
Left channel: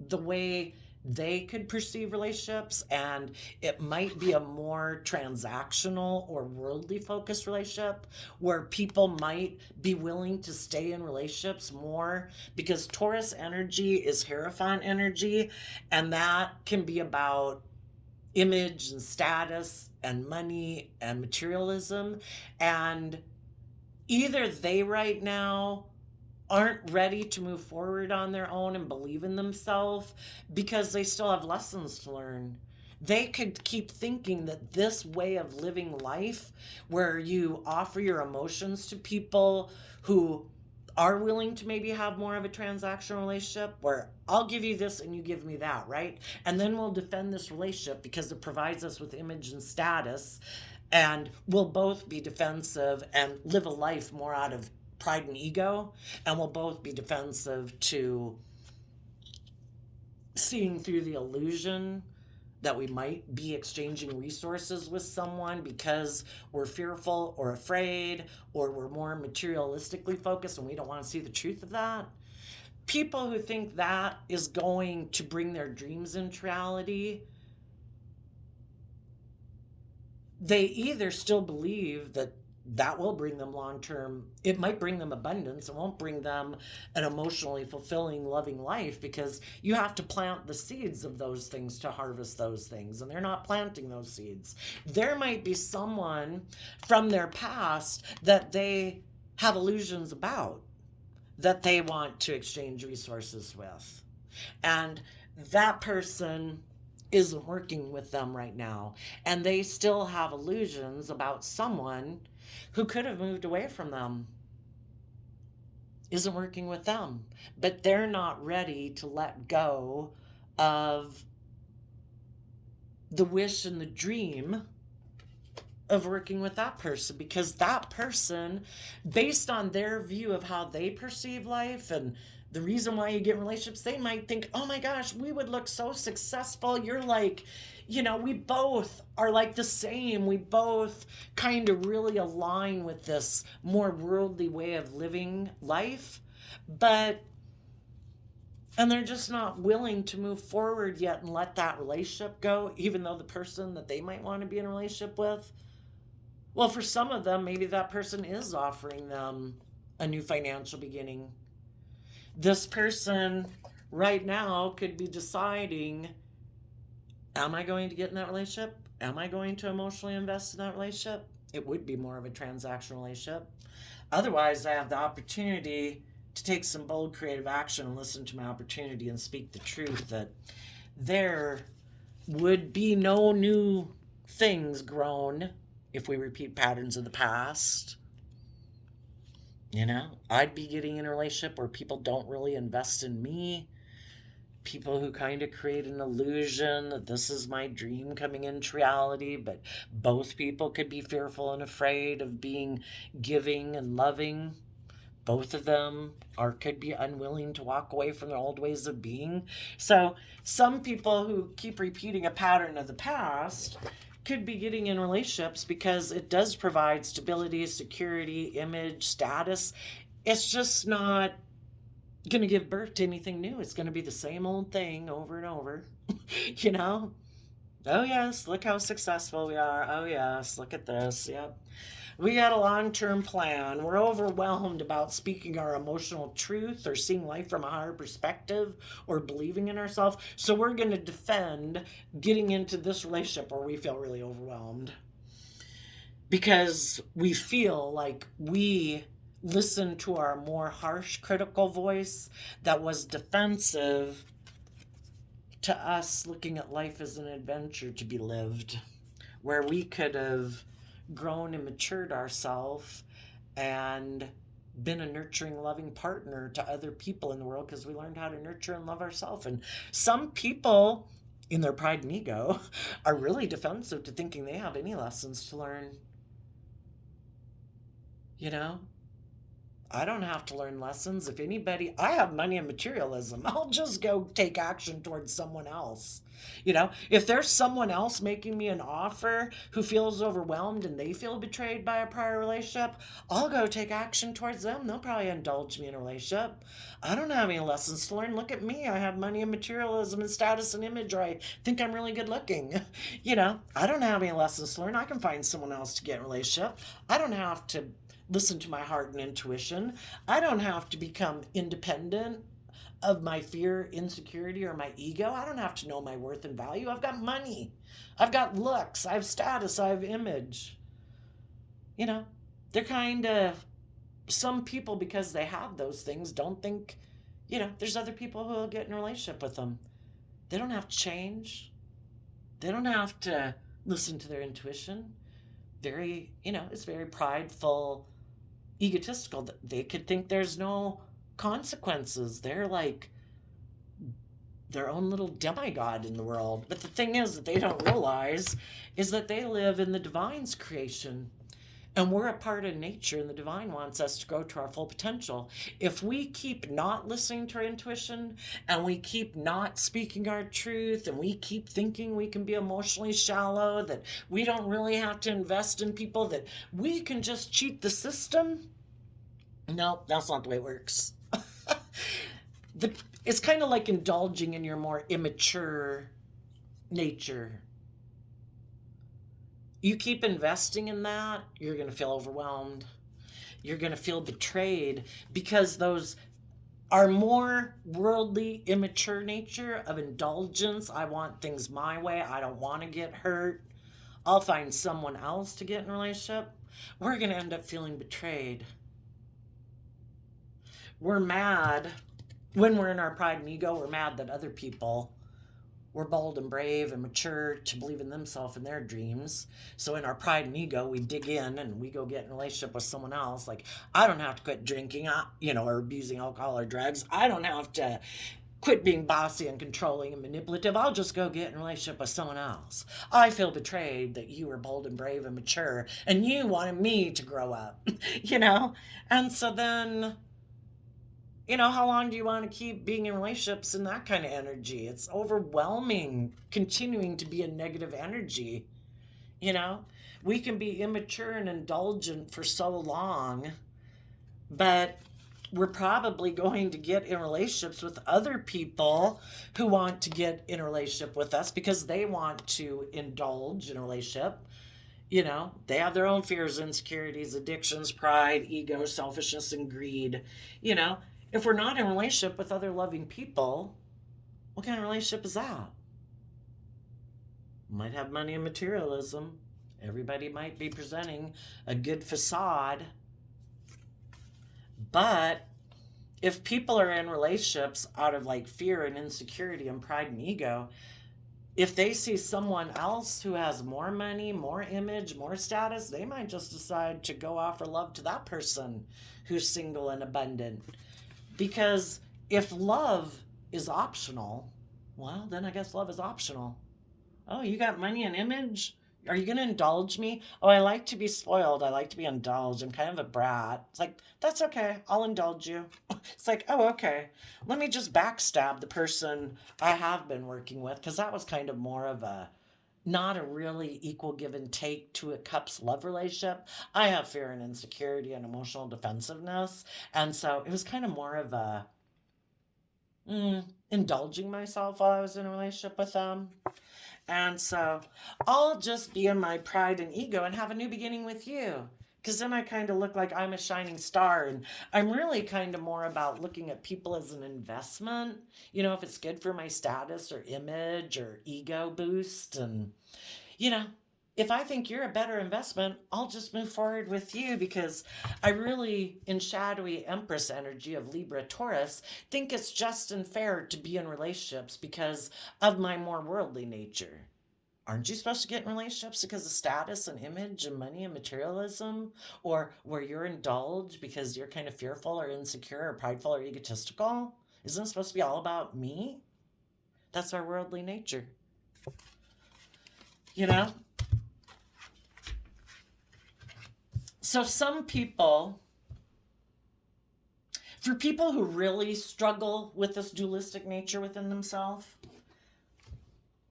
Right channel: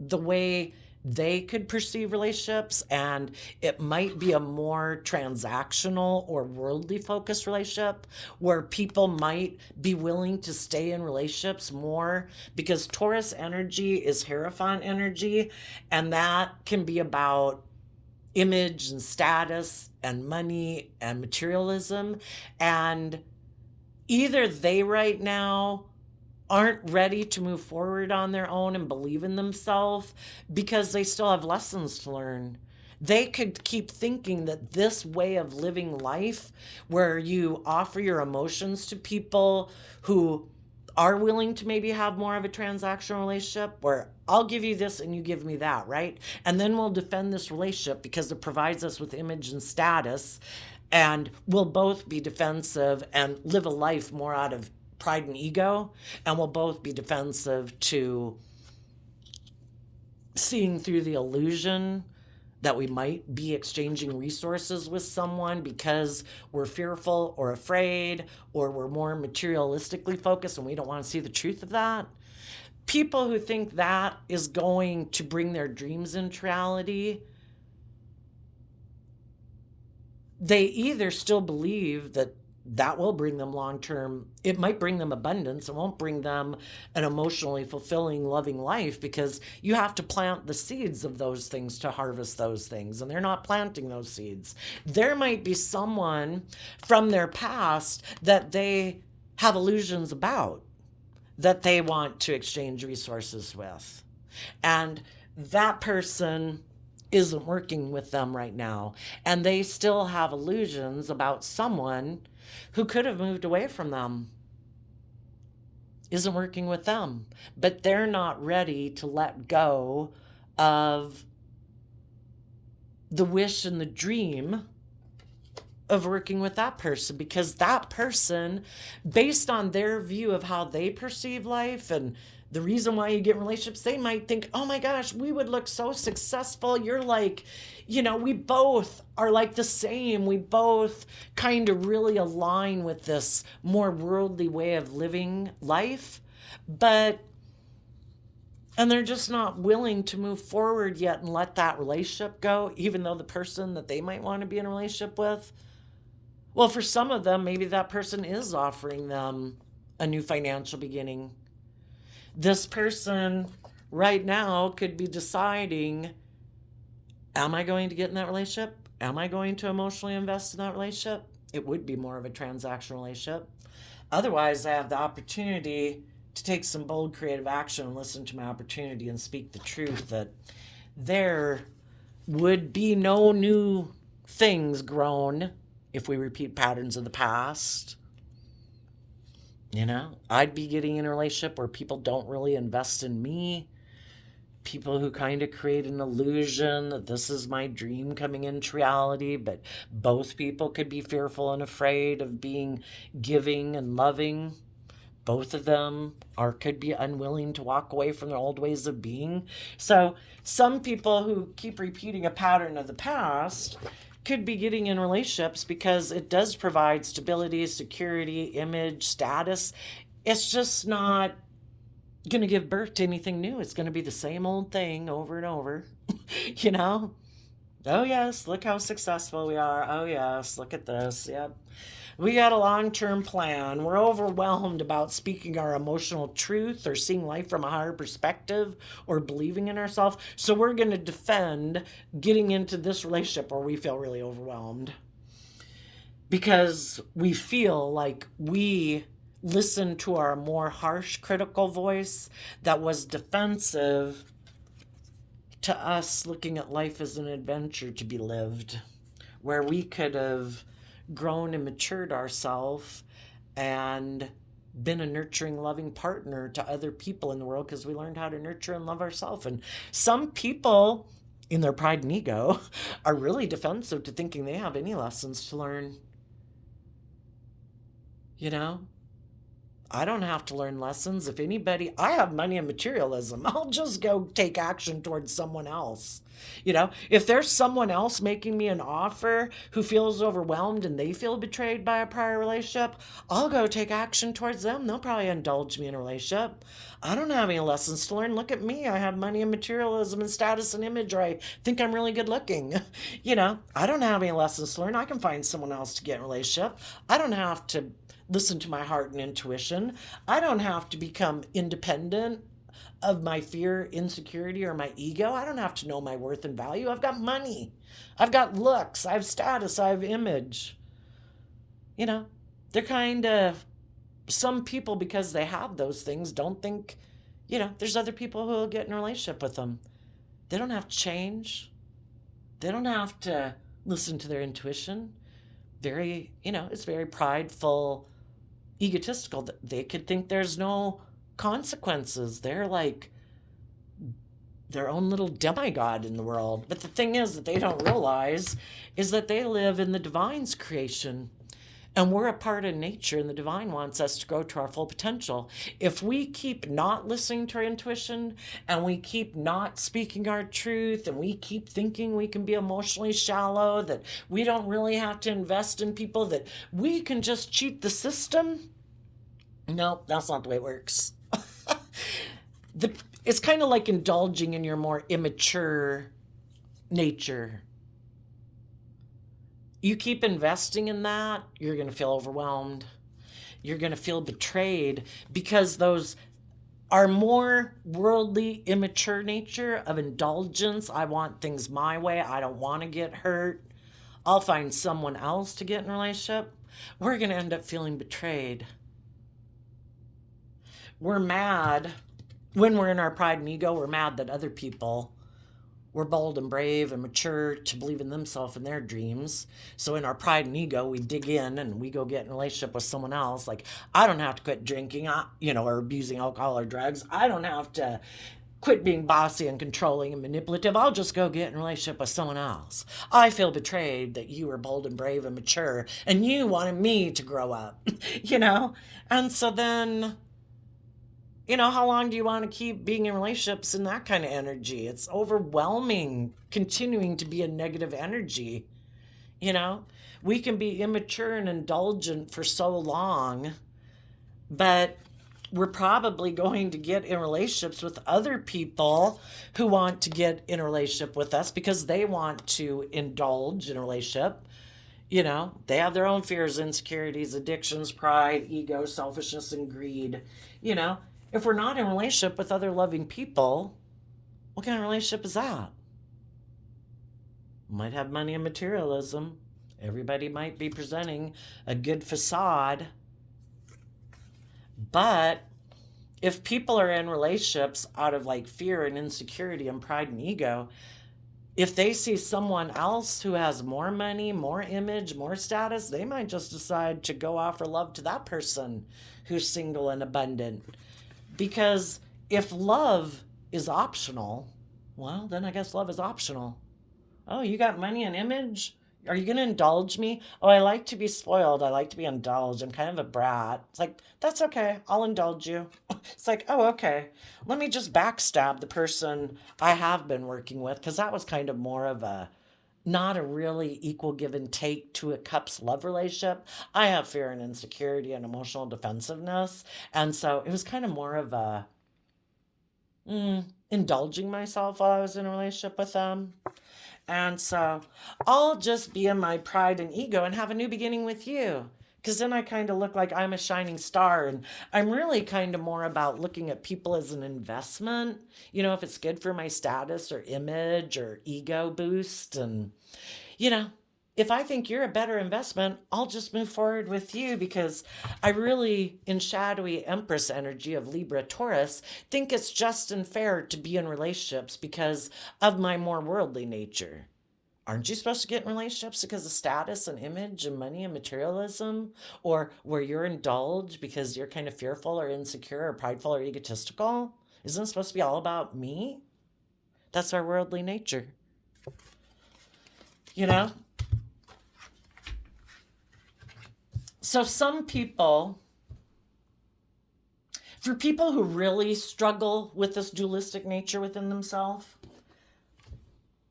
the way they could perceive relationships, and it might be a more transactional or worldly focused relationship where people might be willing to stay in relationships more, because Taurus energy is Hierophant energy, and that can be about image and status and money and materialism. And either they right now aren't ready to move forward on their own and believe in themselves because they still have lessons to learn. They could keep thinking that this way of living life, where you offer your emotions to people who are willing to maybe have more of a transactional relationship, where I'll give you this and you give me that, right? And then we'll defend this relationship because it provides us with image and status, and we'll both be defensive and live a life more out of pride and ego, and we'll both be defensive to seeing through the illusion that we might be exchanging resources with someone because we're fearful or afraid, or we're more materialistically focused and we don't want to see the truth of that. People who think that is going to bring their dreams into reality, they either still believe that that will bring them long term, it might bring them abundance, it won't bring them an emotionally fulfilling, loving life, because you have to plant the seeds of those things to harvest those things, and they're not planting those seeds. There might be someone from their past that they have illusions about, that they want to exchange resources with, and that person isn't working with them right now, and they still have illusions about someone who could have moved away from them, isn't working with them, but they're not ready to let go of the wish and the dream of working with that person, because that person, based on their view of how they perceive life and the reason why you get in relationships, they might think, oh my gosh, we would look so successful. You're like, we both are like the same. We both kind of really align with this more worldly way of living life. And they're just not willing to move forward yet and let that relationship go, even though the person that they might want to be in a relationship with, well, for some of them, maybe that person is offering them a new financial beginning. This person right now could be deciding, am I going to get in that relationship? Am I going to emotionally invest in that relationship? It would be more of a transactional relationship. Otherwise, I have the opportunity to take some bold creative action and listen to my opportunity and speak the truth that there would be no new things grown if we repeat patterns of the past. I'd be getting in a relationship where people don't really invest in me. People who kind of create an illusion that this is my dream coming into reality, but both people could be fearful and afraid of being giving and loving. Both of them could be unwilling to walk away from their old ways of being. So some people who keep repeating a pattern of the past could be getting in relationships because it does provide stability, security, image, status. It's just not going to give birth to anything new. It's going to be the same old thing over and over. Oh yes, look how successful we are. Oh yes, look at this. Yep. We got a long-term plan. We're overwhelmed about speaking our emotional truth or seeing life from a higher perspective or believing in ourselves. So we're going to defend getting into this relationship where we feel really overwhelmed, because we feel like we listened to our more harsh, critical voice that was defensive to us looking at life as an adventure to be lived, where we could have grown and matured ourselves and been a nurturing, loving partner to other people in the world, because we learned how to nurture and love ourselves. And some people, in their pride and ego, are really defensive to thinking they have any lessons to learn. I don't have to learn lessons. If anybody, I have money and materialism. I'll just go take action towards someone else. If there's someone else making me an offer who feels overwhelmed and they feel betrayed by a prior relationship, I'll go take action towards them. They'll probably indulge me in a relationship. I don't have any lessons to learn. Look at me. I have money and materialism and status and image, or I think I'm really good looking. I don't have any lessons to learn. I can find someone else to get in a relationship. I don't have to listen to my heart and intuition. I don't have to become independent of my fear, insecurity, or my ego. I don't have to know my worth and value. I've got money. I've got looks. I have status. I have image. They're kind of, some people, because they have those things, don't think, there's other people who will get in a relationship with them. They don't have to change. They don't have to listen to their intuition. It's very prideful, egotistical that they could think there's no consequences. They're like their own little demigod in the world. But the thing is that they don't realize is that they live in the divine's creation. And we're a part of nature, and the divine wants us to go to our full potential. If we keep not listening to our intuition, and we keep not speaking our truth, and we keep thinking we can be emotionally shallow, that we don't really have to invest in people, that we can just cheat the system, no, that's not the way it works. It's kind of like indulging in your more immature nature. You keep investing in that, you're going to feel overwhelmed. You're going to feel betrayed because those are more worldly, immature nature of indulgence. I want things my way. I don't want to get hurt. I'll find someone else to get in a relationship. We're going to end up feeling betrayed. We're mad when we're in our pride and ego. We're mad that other people were bold and brave and mature to believe in themselves and their dreams. So in our pride and ego, we dig in and we go get in a relationship with someone else. Like, I don't have to quit drinking, or abusing alcohol or drugs. I don't have to quit being bossy and controlling and manipulative. I'll just go get in a relationship with someone else. I feel betrayed that you were bold and brave and mature and you wanted me to grow up, And so then, how long do you want to keep being in relationships in that kind of energy? It's overwhelming, continuing to be a negative energy. We can be immature and indulgent for so long, but we're probably going to get in relationships with other people who want to get in a relationship with us because they want to indulge in a relationship. They have their own fears, insecurities, addictions, pride, ego, selfishness, and greed. If we're not in a relationship with other loving people, what kind of relationship is that? Might have money and materialism. Everybody might be presenting a good facade. But if people are in relationships out of like fear and insecurity and pride and ego, if they see someone else who has more money, more image, more status, they might just decide to go offer love to that person who's single and abundant. Because if love is optional, well, then I guess love is optional. Oh, you got money and image? Are you going to indulge me? Oh, I like to be spoiled. I like to be indulged. I'm kind of a brat. It's like, that's okay. I'll indulge you. It's like, oh, okay. Let me just backstab the person I have been working with, because that was kind of more of not a really equal give and take to a cups love relationship. I have fear and insecurity and emotional defensiveness. And so it was kind of more of indulging myself while I was in a relationship with them. And so I'll just be in my pride and ego and have a new beginning with you. Because then I kind of look like I'm a shining star. And I'm really kind of more about looking at people as an investment. If it's good for my status or image or ego boost. And, if I think you're a better investment, I'll just move forward with you, because I really, in shadowy Empress energy of Libra Taurus, think it's just and fair to be in relationships because of my more worldly nature. Aren't you supposed to get in relationships because of status and image and money and materialism? Or where you're indulged because you're kind of fearful or insecure or prideful or egotistical? Isn't it supposed to be all about me? That's our worldly nature. So some people, for people who really struggle with this dualistic nature within themselves,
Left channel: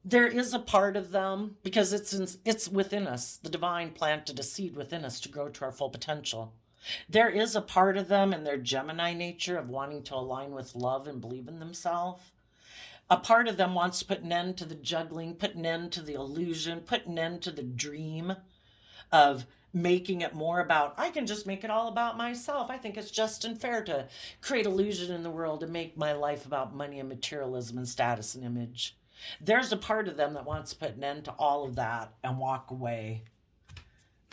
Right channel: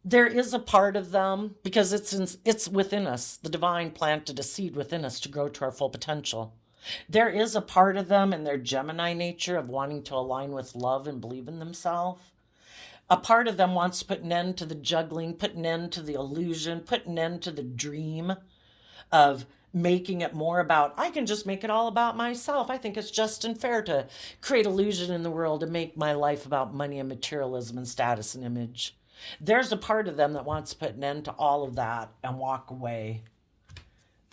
there is a part of them, because it's within us. The divine planted a seed within us to grow to our full potential. There is a part of them in their Gemini nature of wanting to align with love and believe in themselves. A part of them wants to put an end to the juggling, put an end to the illusion, put an end to the dream of making it more about, I can just make it all about myself. I think it's just and fair to create illusion in the world and make my life about money and materialism and status and image. There's a part of them that wants to put an end to all of that and walk away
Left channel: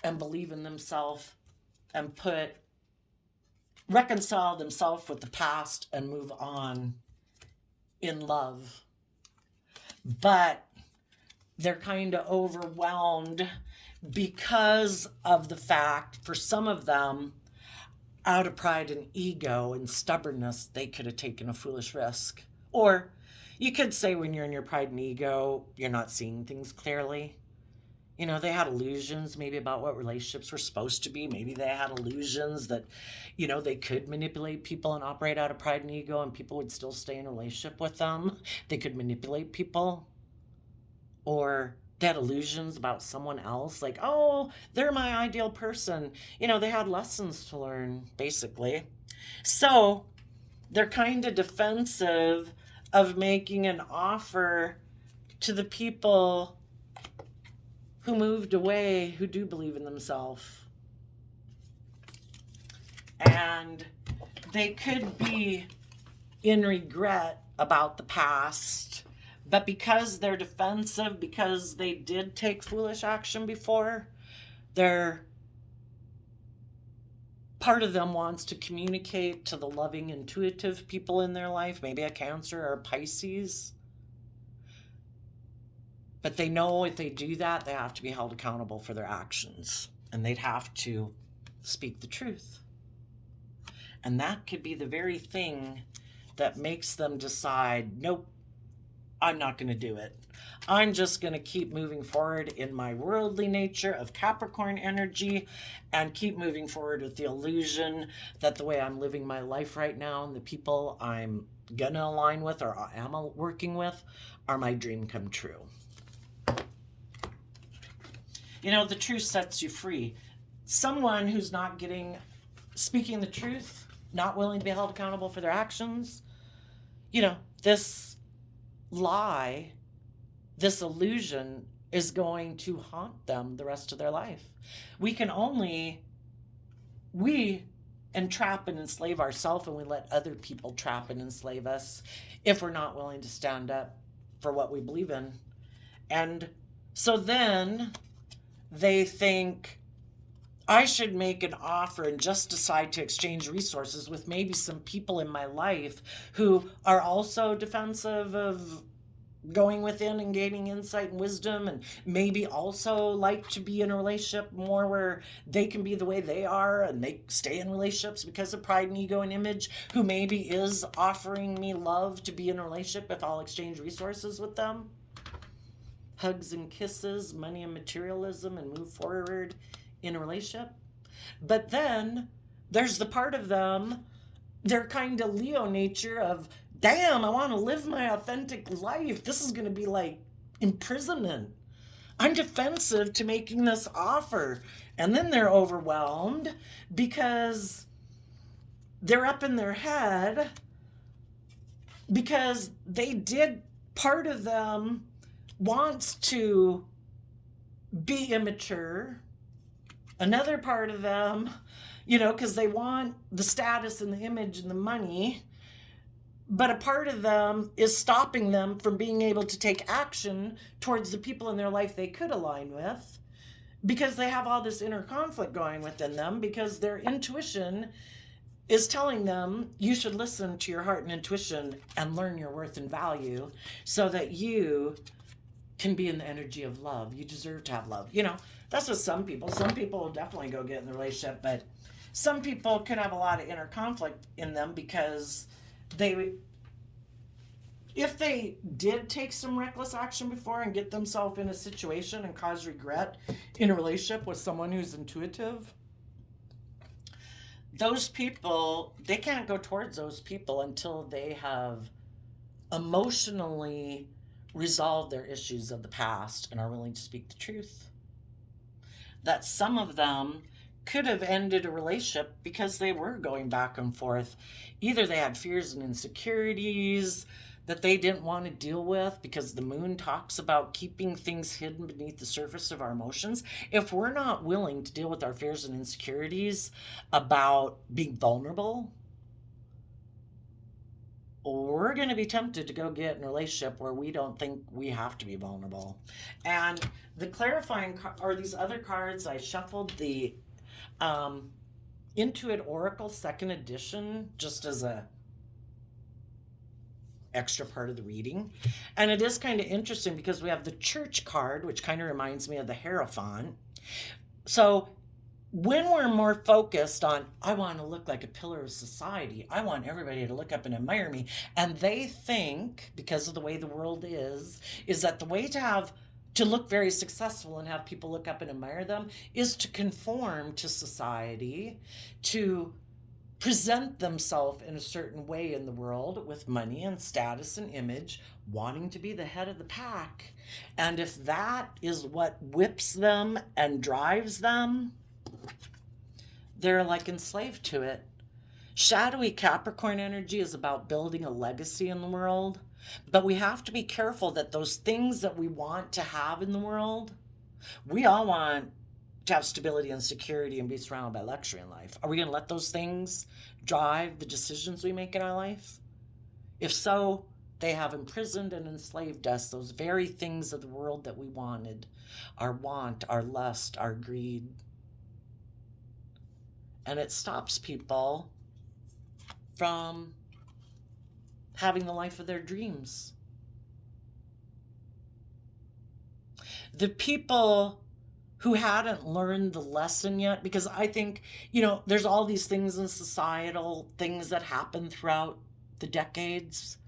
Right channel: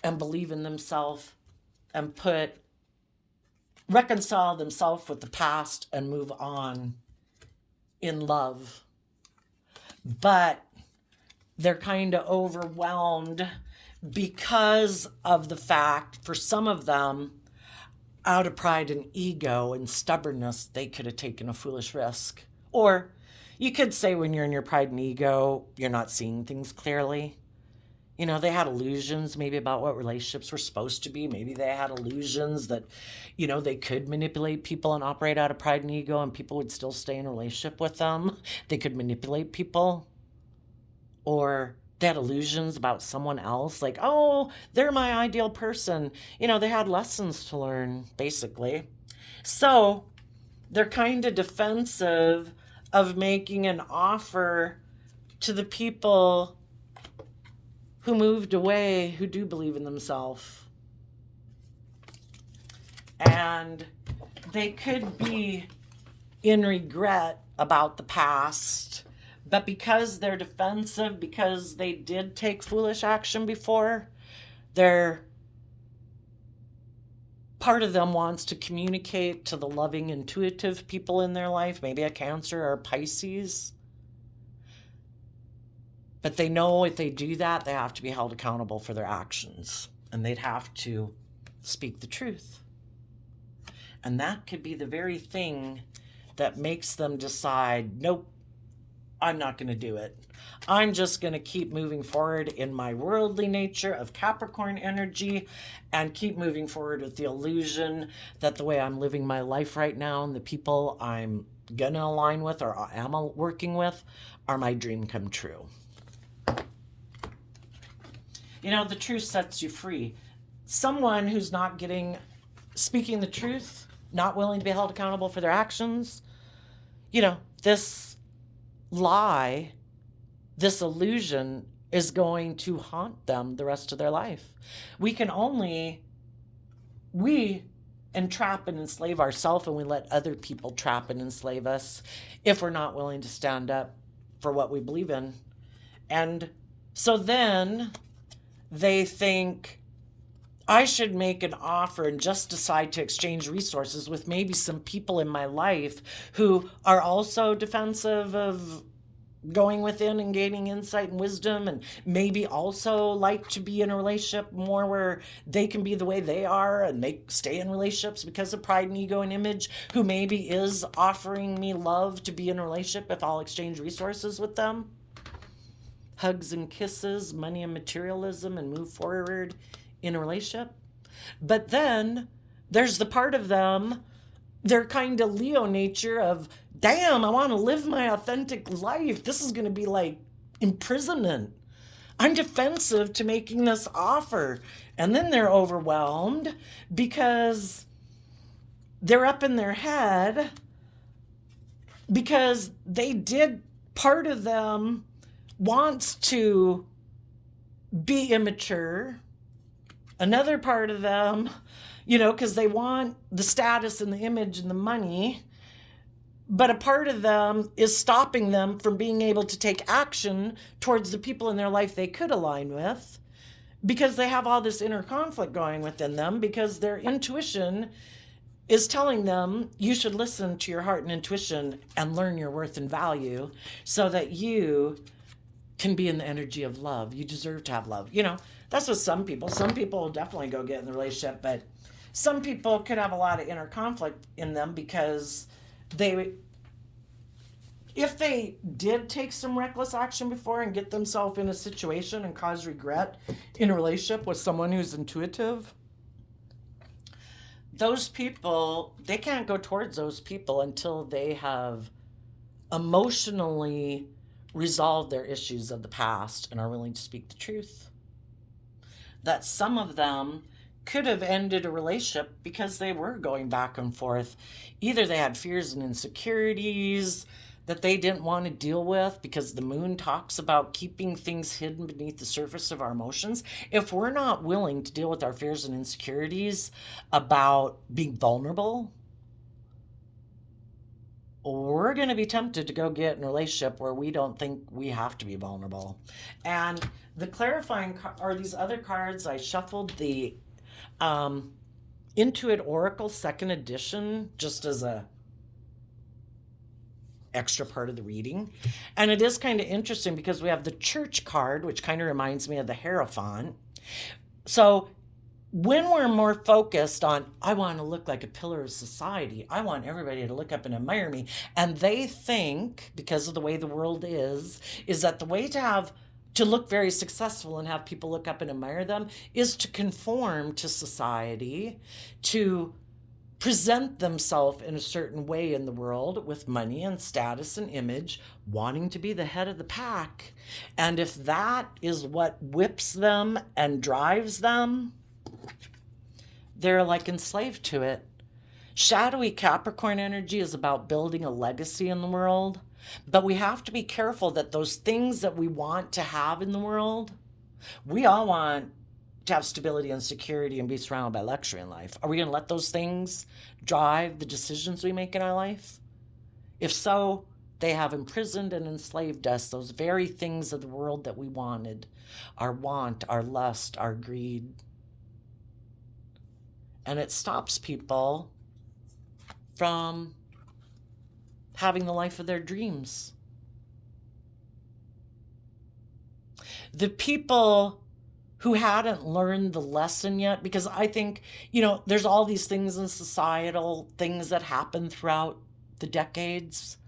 and believe in themselves and reconcile themselves with the past and move on in love. But they're kind of overwhelmed because of the fact, for some of them, out of pride and ego and stubbornness, they could have taken a foolish risk. Or you could say when you're in your pride and ego, you're not seeing things clearly. You know, they had illusions maybe about what relationships were supposed to be. Maybe they had illusions that, you know, they could manipulate people and operate out of pride and ego and people would still stay in a relationship with them. They could manipulate people. Or they had illusions about someone else, like, oh, they're my ideal person. You know, they had lessons to learn, basically. So they're kind of defensive of making an offer to the people who moved away, who do believe in themselves. And they could be in regret about the past, but because they're defensive, because they did take foolish action before, part of them wants to communicate to the loving, intuitive people in their life, maybe a Cancer or a Pisces. But they know if they do that, they have to be held accountable for their actions. And they'd have to speak the truth. And that could be the very thing that makes them decide, nope, I'm not going to do it. I'm just going to keep moving forward in my worldly nature of Capricorn energy and keep moving forward with the illusion that the way I'm living my life right now and the people I'm going to align with or am working with are my dream come true. You know, the truth sets you free. Someone who's not speaking the truth, not willing to be held accountable for their actions, you know, this lie, this illusion is going to haunt them the rest of their life. We entrap and enslave ourselves, and we let other people trap and enslave us if we're not willing to stand up for what we believe in. And so then they think, I should make an offer and just decide to exchange resources with maybe some people in my life who are also defensive of going within and gaining insight and wisdom, and maybe also like to be in a relationship more where they can be the way they are and they stay in relationships because of pride and ego and image, who maybe is offering me love to be in a relationship if I'll exchange resources with them. Hugs and kisses, money and materialism, and move forward in a relationship. But then there's the part of them, their kind of Leo nature of, damn, I want to live my authentic life. This is going to be like imprisonment. I'm defensive to making this offer. And then they're overwhelmed because they're up in their head because part of them wants to be immature. Another part of them, you know, because they want the status and the image and the money. But a part of them is stopping them from being able to take action towards the people in their life they could align with, because they have all this inner conflict going within them, because their intuition is telling them you should listen to your heart and intuition and learn your worth and value so that you can be in the energy of love. You deserve to have love. You know, that's what some people will definitely go get in the relationship, but some people could have a lot of inner conflict in them because if they did take some reckless action before and get themselves in a situation and cause regret in a relationship with someone who's intuitive, those people, they can't go towards those people until they have emotionally resolved their issues of the past and are willing to speak the truth. That some of them could have ended a relationship because they were going back and forth. Either they had fears and insecurities that they didn't want to deal with, because the moon talks about keeping things hidden beneath the surface of our emotions. If we're not willing to deal with our fears and insecurities about being vulnerable, we're going to be tempted to go get in a relationship where we don't think we have to be vulnerable. And the clarifying, or these other cards, I shuffled the Intuit Oracle 2nd edition just as extra part of the reading. And it is kind of interesting because we have the church card, which kind of reminds me of the Hierophant. So when we're more focused on, I want to look like a pillar of society, I want everybody to look up and admire me, and they think, because of the way the world is that the way to look very successful and have people look up and admire them is to conform to society, to present themselves in a certain way in the world with money and status and image, wanting to be the head of the pack. And if that is what whips them and drives them, they're like enslaved to it. Shadowy Capricorn energy is about building a legacy in the world, but we have to be careful that those things that we want to have in the world, we all want to have stability and security and be surrounded by luxury in life. Are we going to let those things drive the decisions we make in our life? If so, they have imprisoned and enslaved us, those very things of the world that we wanted, our want, our lust, our greed. And it stops people from having the life of their dreams. The people who hadn't learned the lesson yet, because I think, there's all these things in societal things that happen throughout the decades.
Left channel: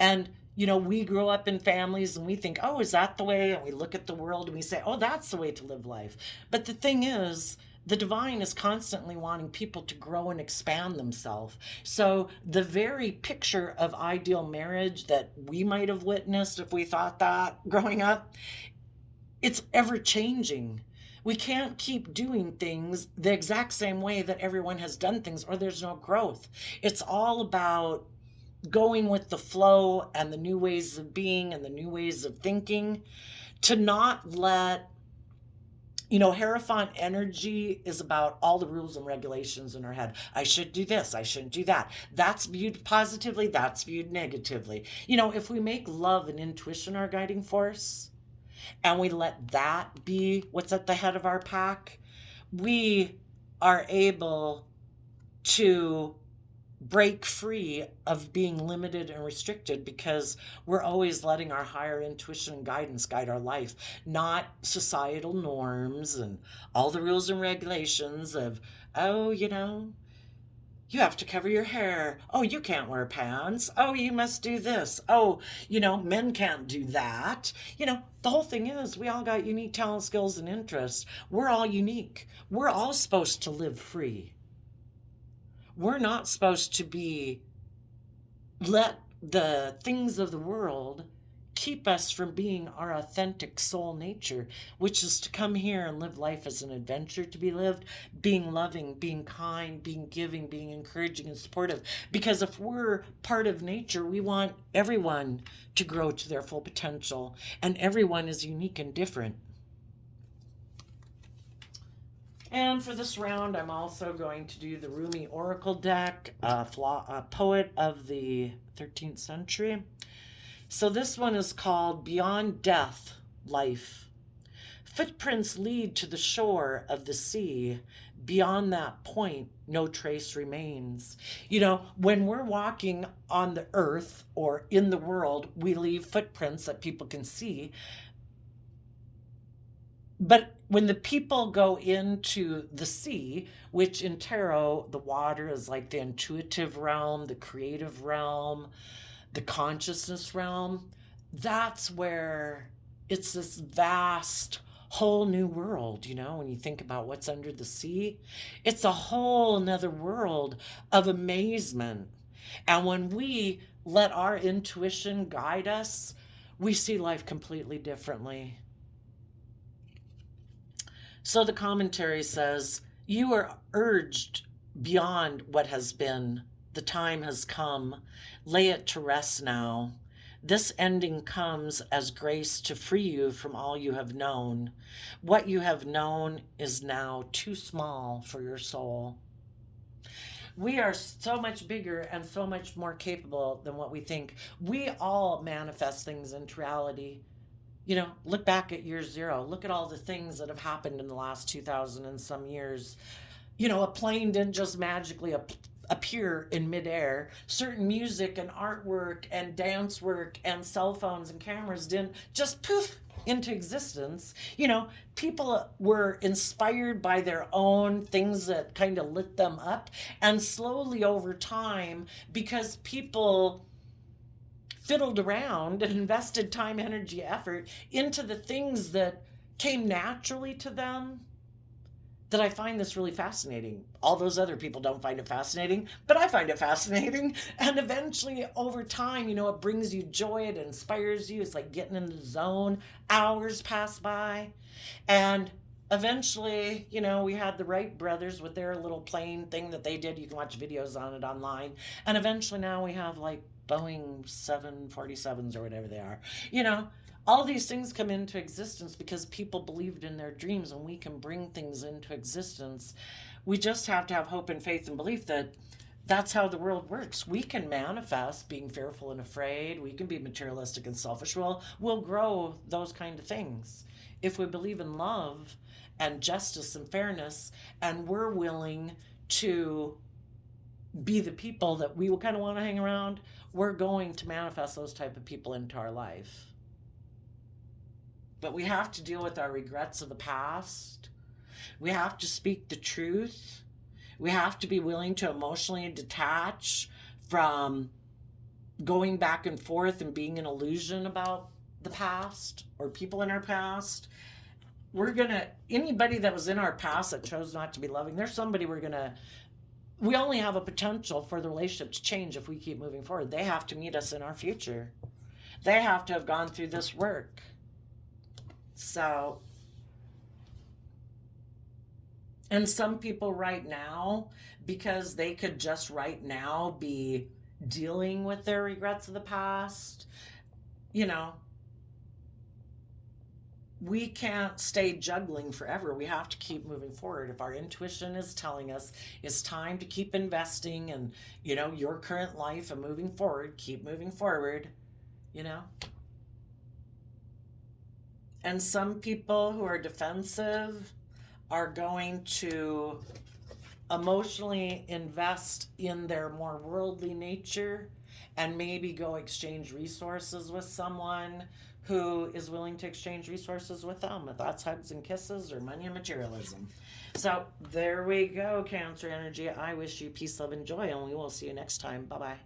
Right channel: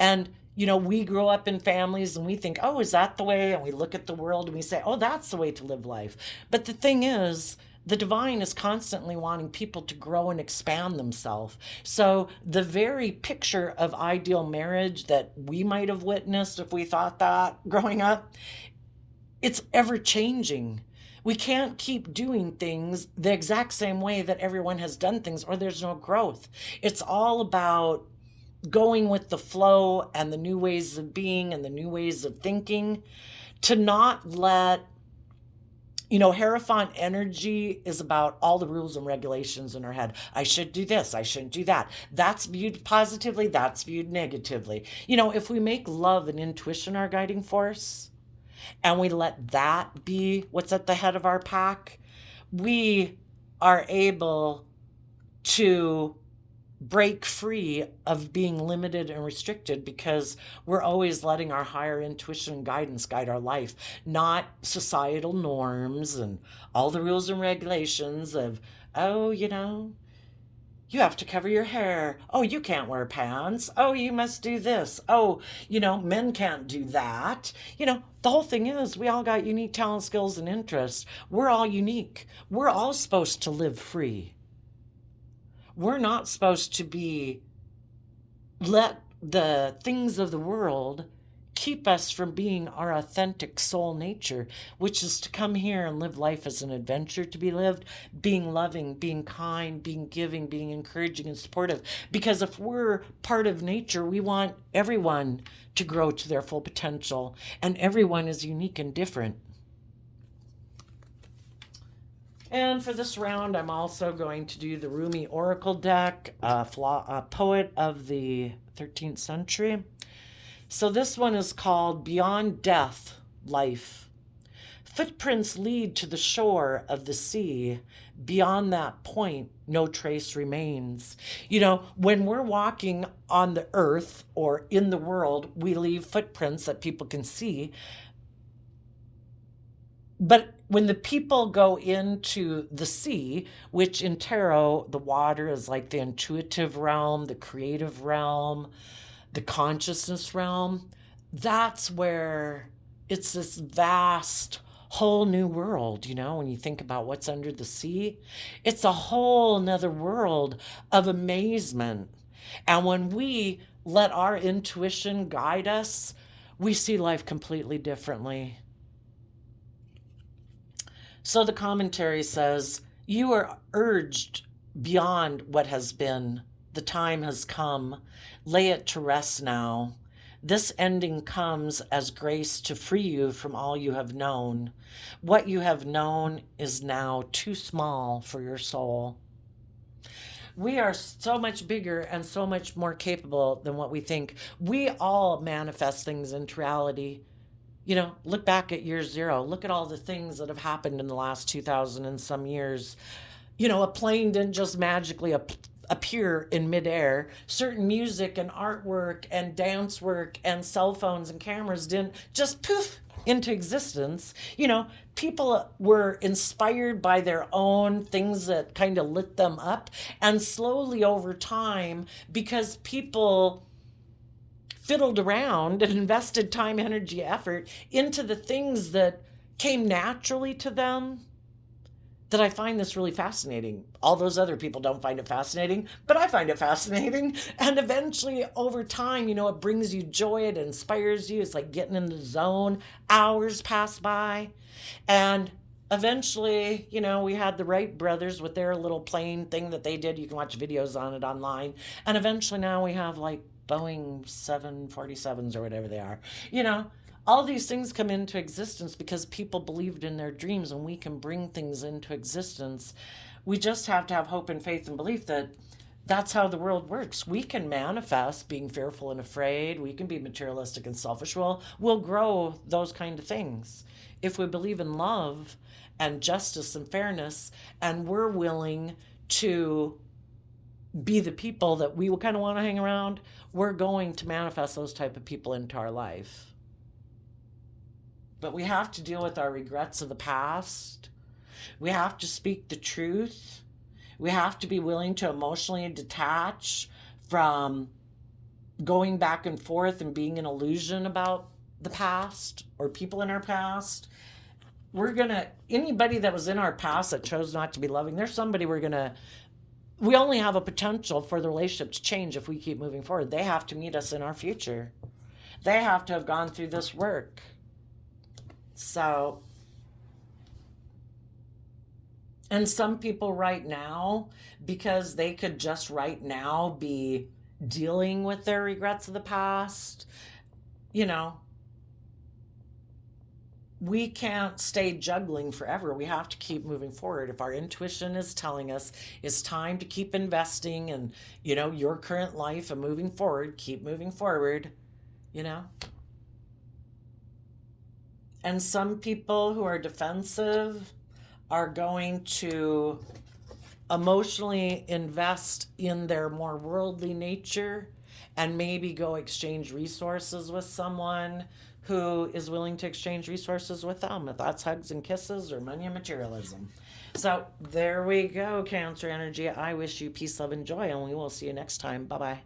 And, we grow up in families and we think, oh, is that the way? And we look at the world and we say, oh, that's the way to live life. But the thing is, the divine is constantly wanting people to grow and expand themselves. So the very picture of ideal marriage that we might have witnessed if we thought that growing up, it's ever changing. We can't keep doing things the exact same way that everyone has done things, or there's no growth. It's all about going with the flow and the new ways of being and the new ways of thinking, to not let Hierophant energy is about all the rules and regulations in our head. I should do this, I shouldn't do that. That's viewed positively, that's viewed negatively. If we make love and intuition our guiding force, and we let that be what's at the head of our pack, we are able to break free of being limited and restricted, because we're always letting our higher intuition and guidance guide our life, not societal norms and all the rules and regulations of, oh, you have to cover your hair. Oh, you can't wear pants. Oh, you must do this. Oh, men can't do that. The whole thing is we all got unique talent, skills, and interests. We're all unique. We're all supposed to live free. We're not supposed to let the things of the world keep us from being our authentic soul nature, which is to come here and live life as an adventure to be lived, being loving, being kind, being giving, being encouraging and supportive. Because if we're part of nature, we want everyone to grow to their full potential, and everyone is unique and different. And for this round, I'm also going to do the Rumi Oracle deck, a poet of the 13th century. So this one is called Beyond Death, Life. Footprints lead to the shore of the sea. Beyond that point, no trace remains. When we're walking on the earth or in the world, we leave footprints that people can see. But when the people go into the sea, which in tarot, the water is like the intuitive realm, the creative realm, the consciousness realm, that's where it's this vast whole new world. When you think about what's under the sea, it's a whole nother world of amazement. And when we let our intuition guide us, we see life completely differently. So the commentary says, you are urged beyond what has been. The time has come. Lay it to rest now. This ending comes as grace to free you from all you have known. What you have known is now too small for your soul. We are so much bigger and so much more capable than what we think. We all manifest things into reality. Look back at year zero. Look at all the things that have happened in the last 2,000 and some years. A plane didn't just magically appear in midair. Certain music and artwork and dance work and cell phones and cameras didn't just poof into existence. People were inspired by their own things that kind of lit them up. And slowly over time, because people fiddled around and invested time, energy, effort into the things that came naturally to them, that I find this really fascinating. All those other people don't find it fascinating, but I find it fascinating. And eventually, over time, it brings you joy, it inspires you. It's like getting in the zone. Hours pass by. And eventually, we had the Wright brothers with their little plane thing that they did. You can watch videos on it online. And eventually now we have like Boeing 747s or whatever they are. All these things come into existence because people believed in their dreams, and we can bring things into existence. We just have to have hope and faith and belief that that's how the world works. We can manifest being fearful and afraid. We can be materialistic and selfish. We'll grow those kind of things if we believe in love and justice and fairness, and we're willing to be the people that we kind of want to hang around. We're going to manifest those type of people into our life. But we have to deal with our regrets of the past. We have to speak the truth. We have to be willing to emotionally detach from going back and forth and being an illusion about the past or people in our past. Anybody that was in our past that chose not to be loving, there's somebody we only have a potential for the relationship to change if we keep moving forward. They have to meet us in our future. They have to have gone through this work. So, and some people right now, because they could just right now be dealing with their regrets of the past, we can't stay juggling forever. We have to keep moving forward. If our intuition is telling us it's time to keep investing in, your current life and moving forward, keep moving forward, And some people who are defensive are going to emotionally invest in their more worldly nature and maybe go exchange resources with someone who is willing to exchange resources with them, if that's hugs and kisses or money and materialism. So there we go, Cancer energy. I wish you peace, love, and joy, and we will see you next time. Bye-bye.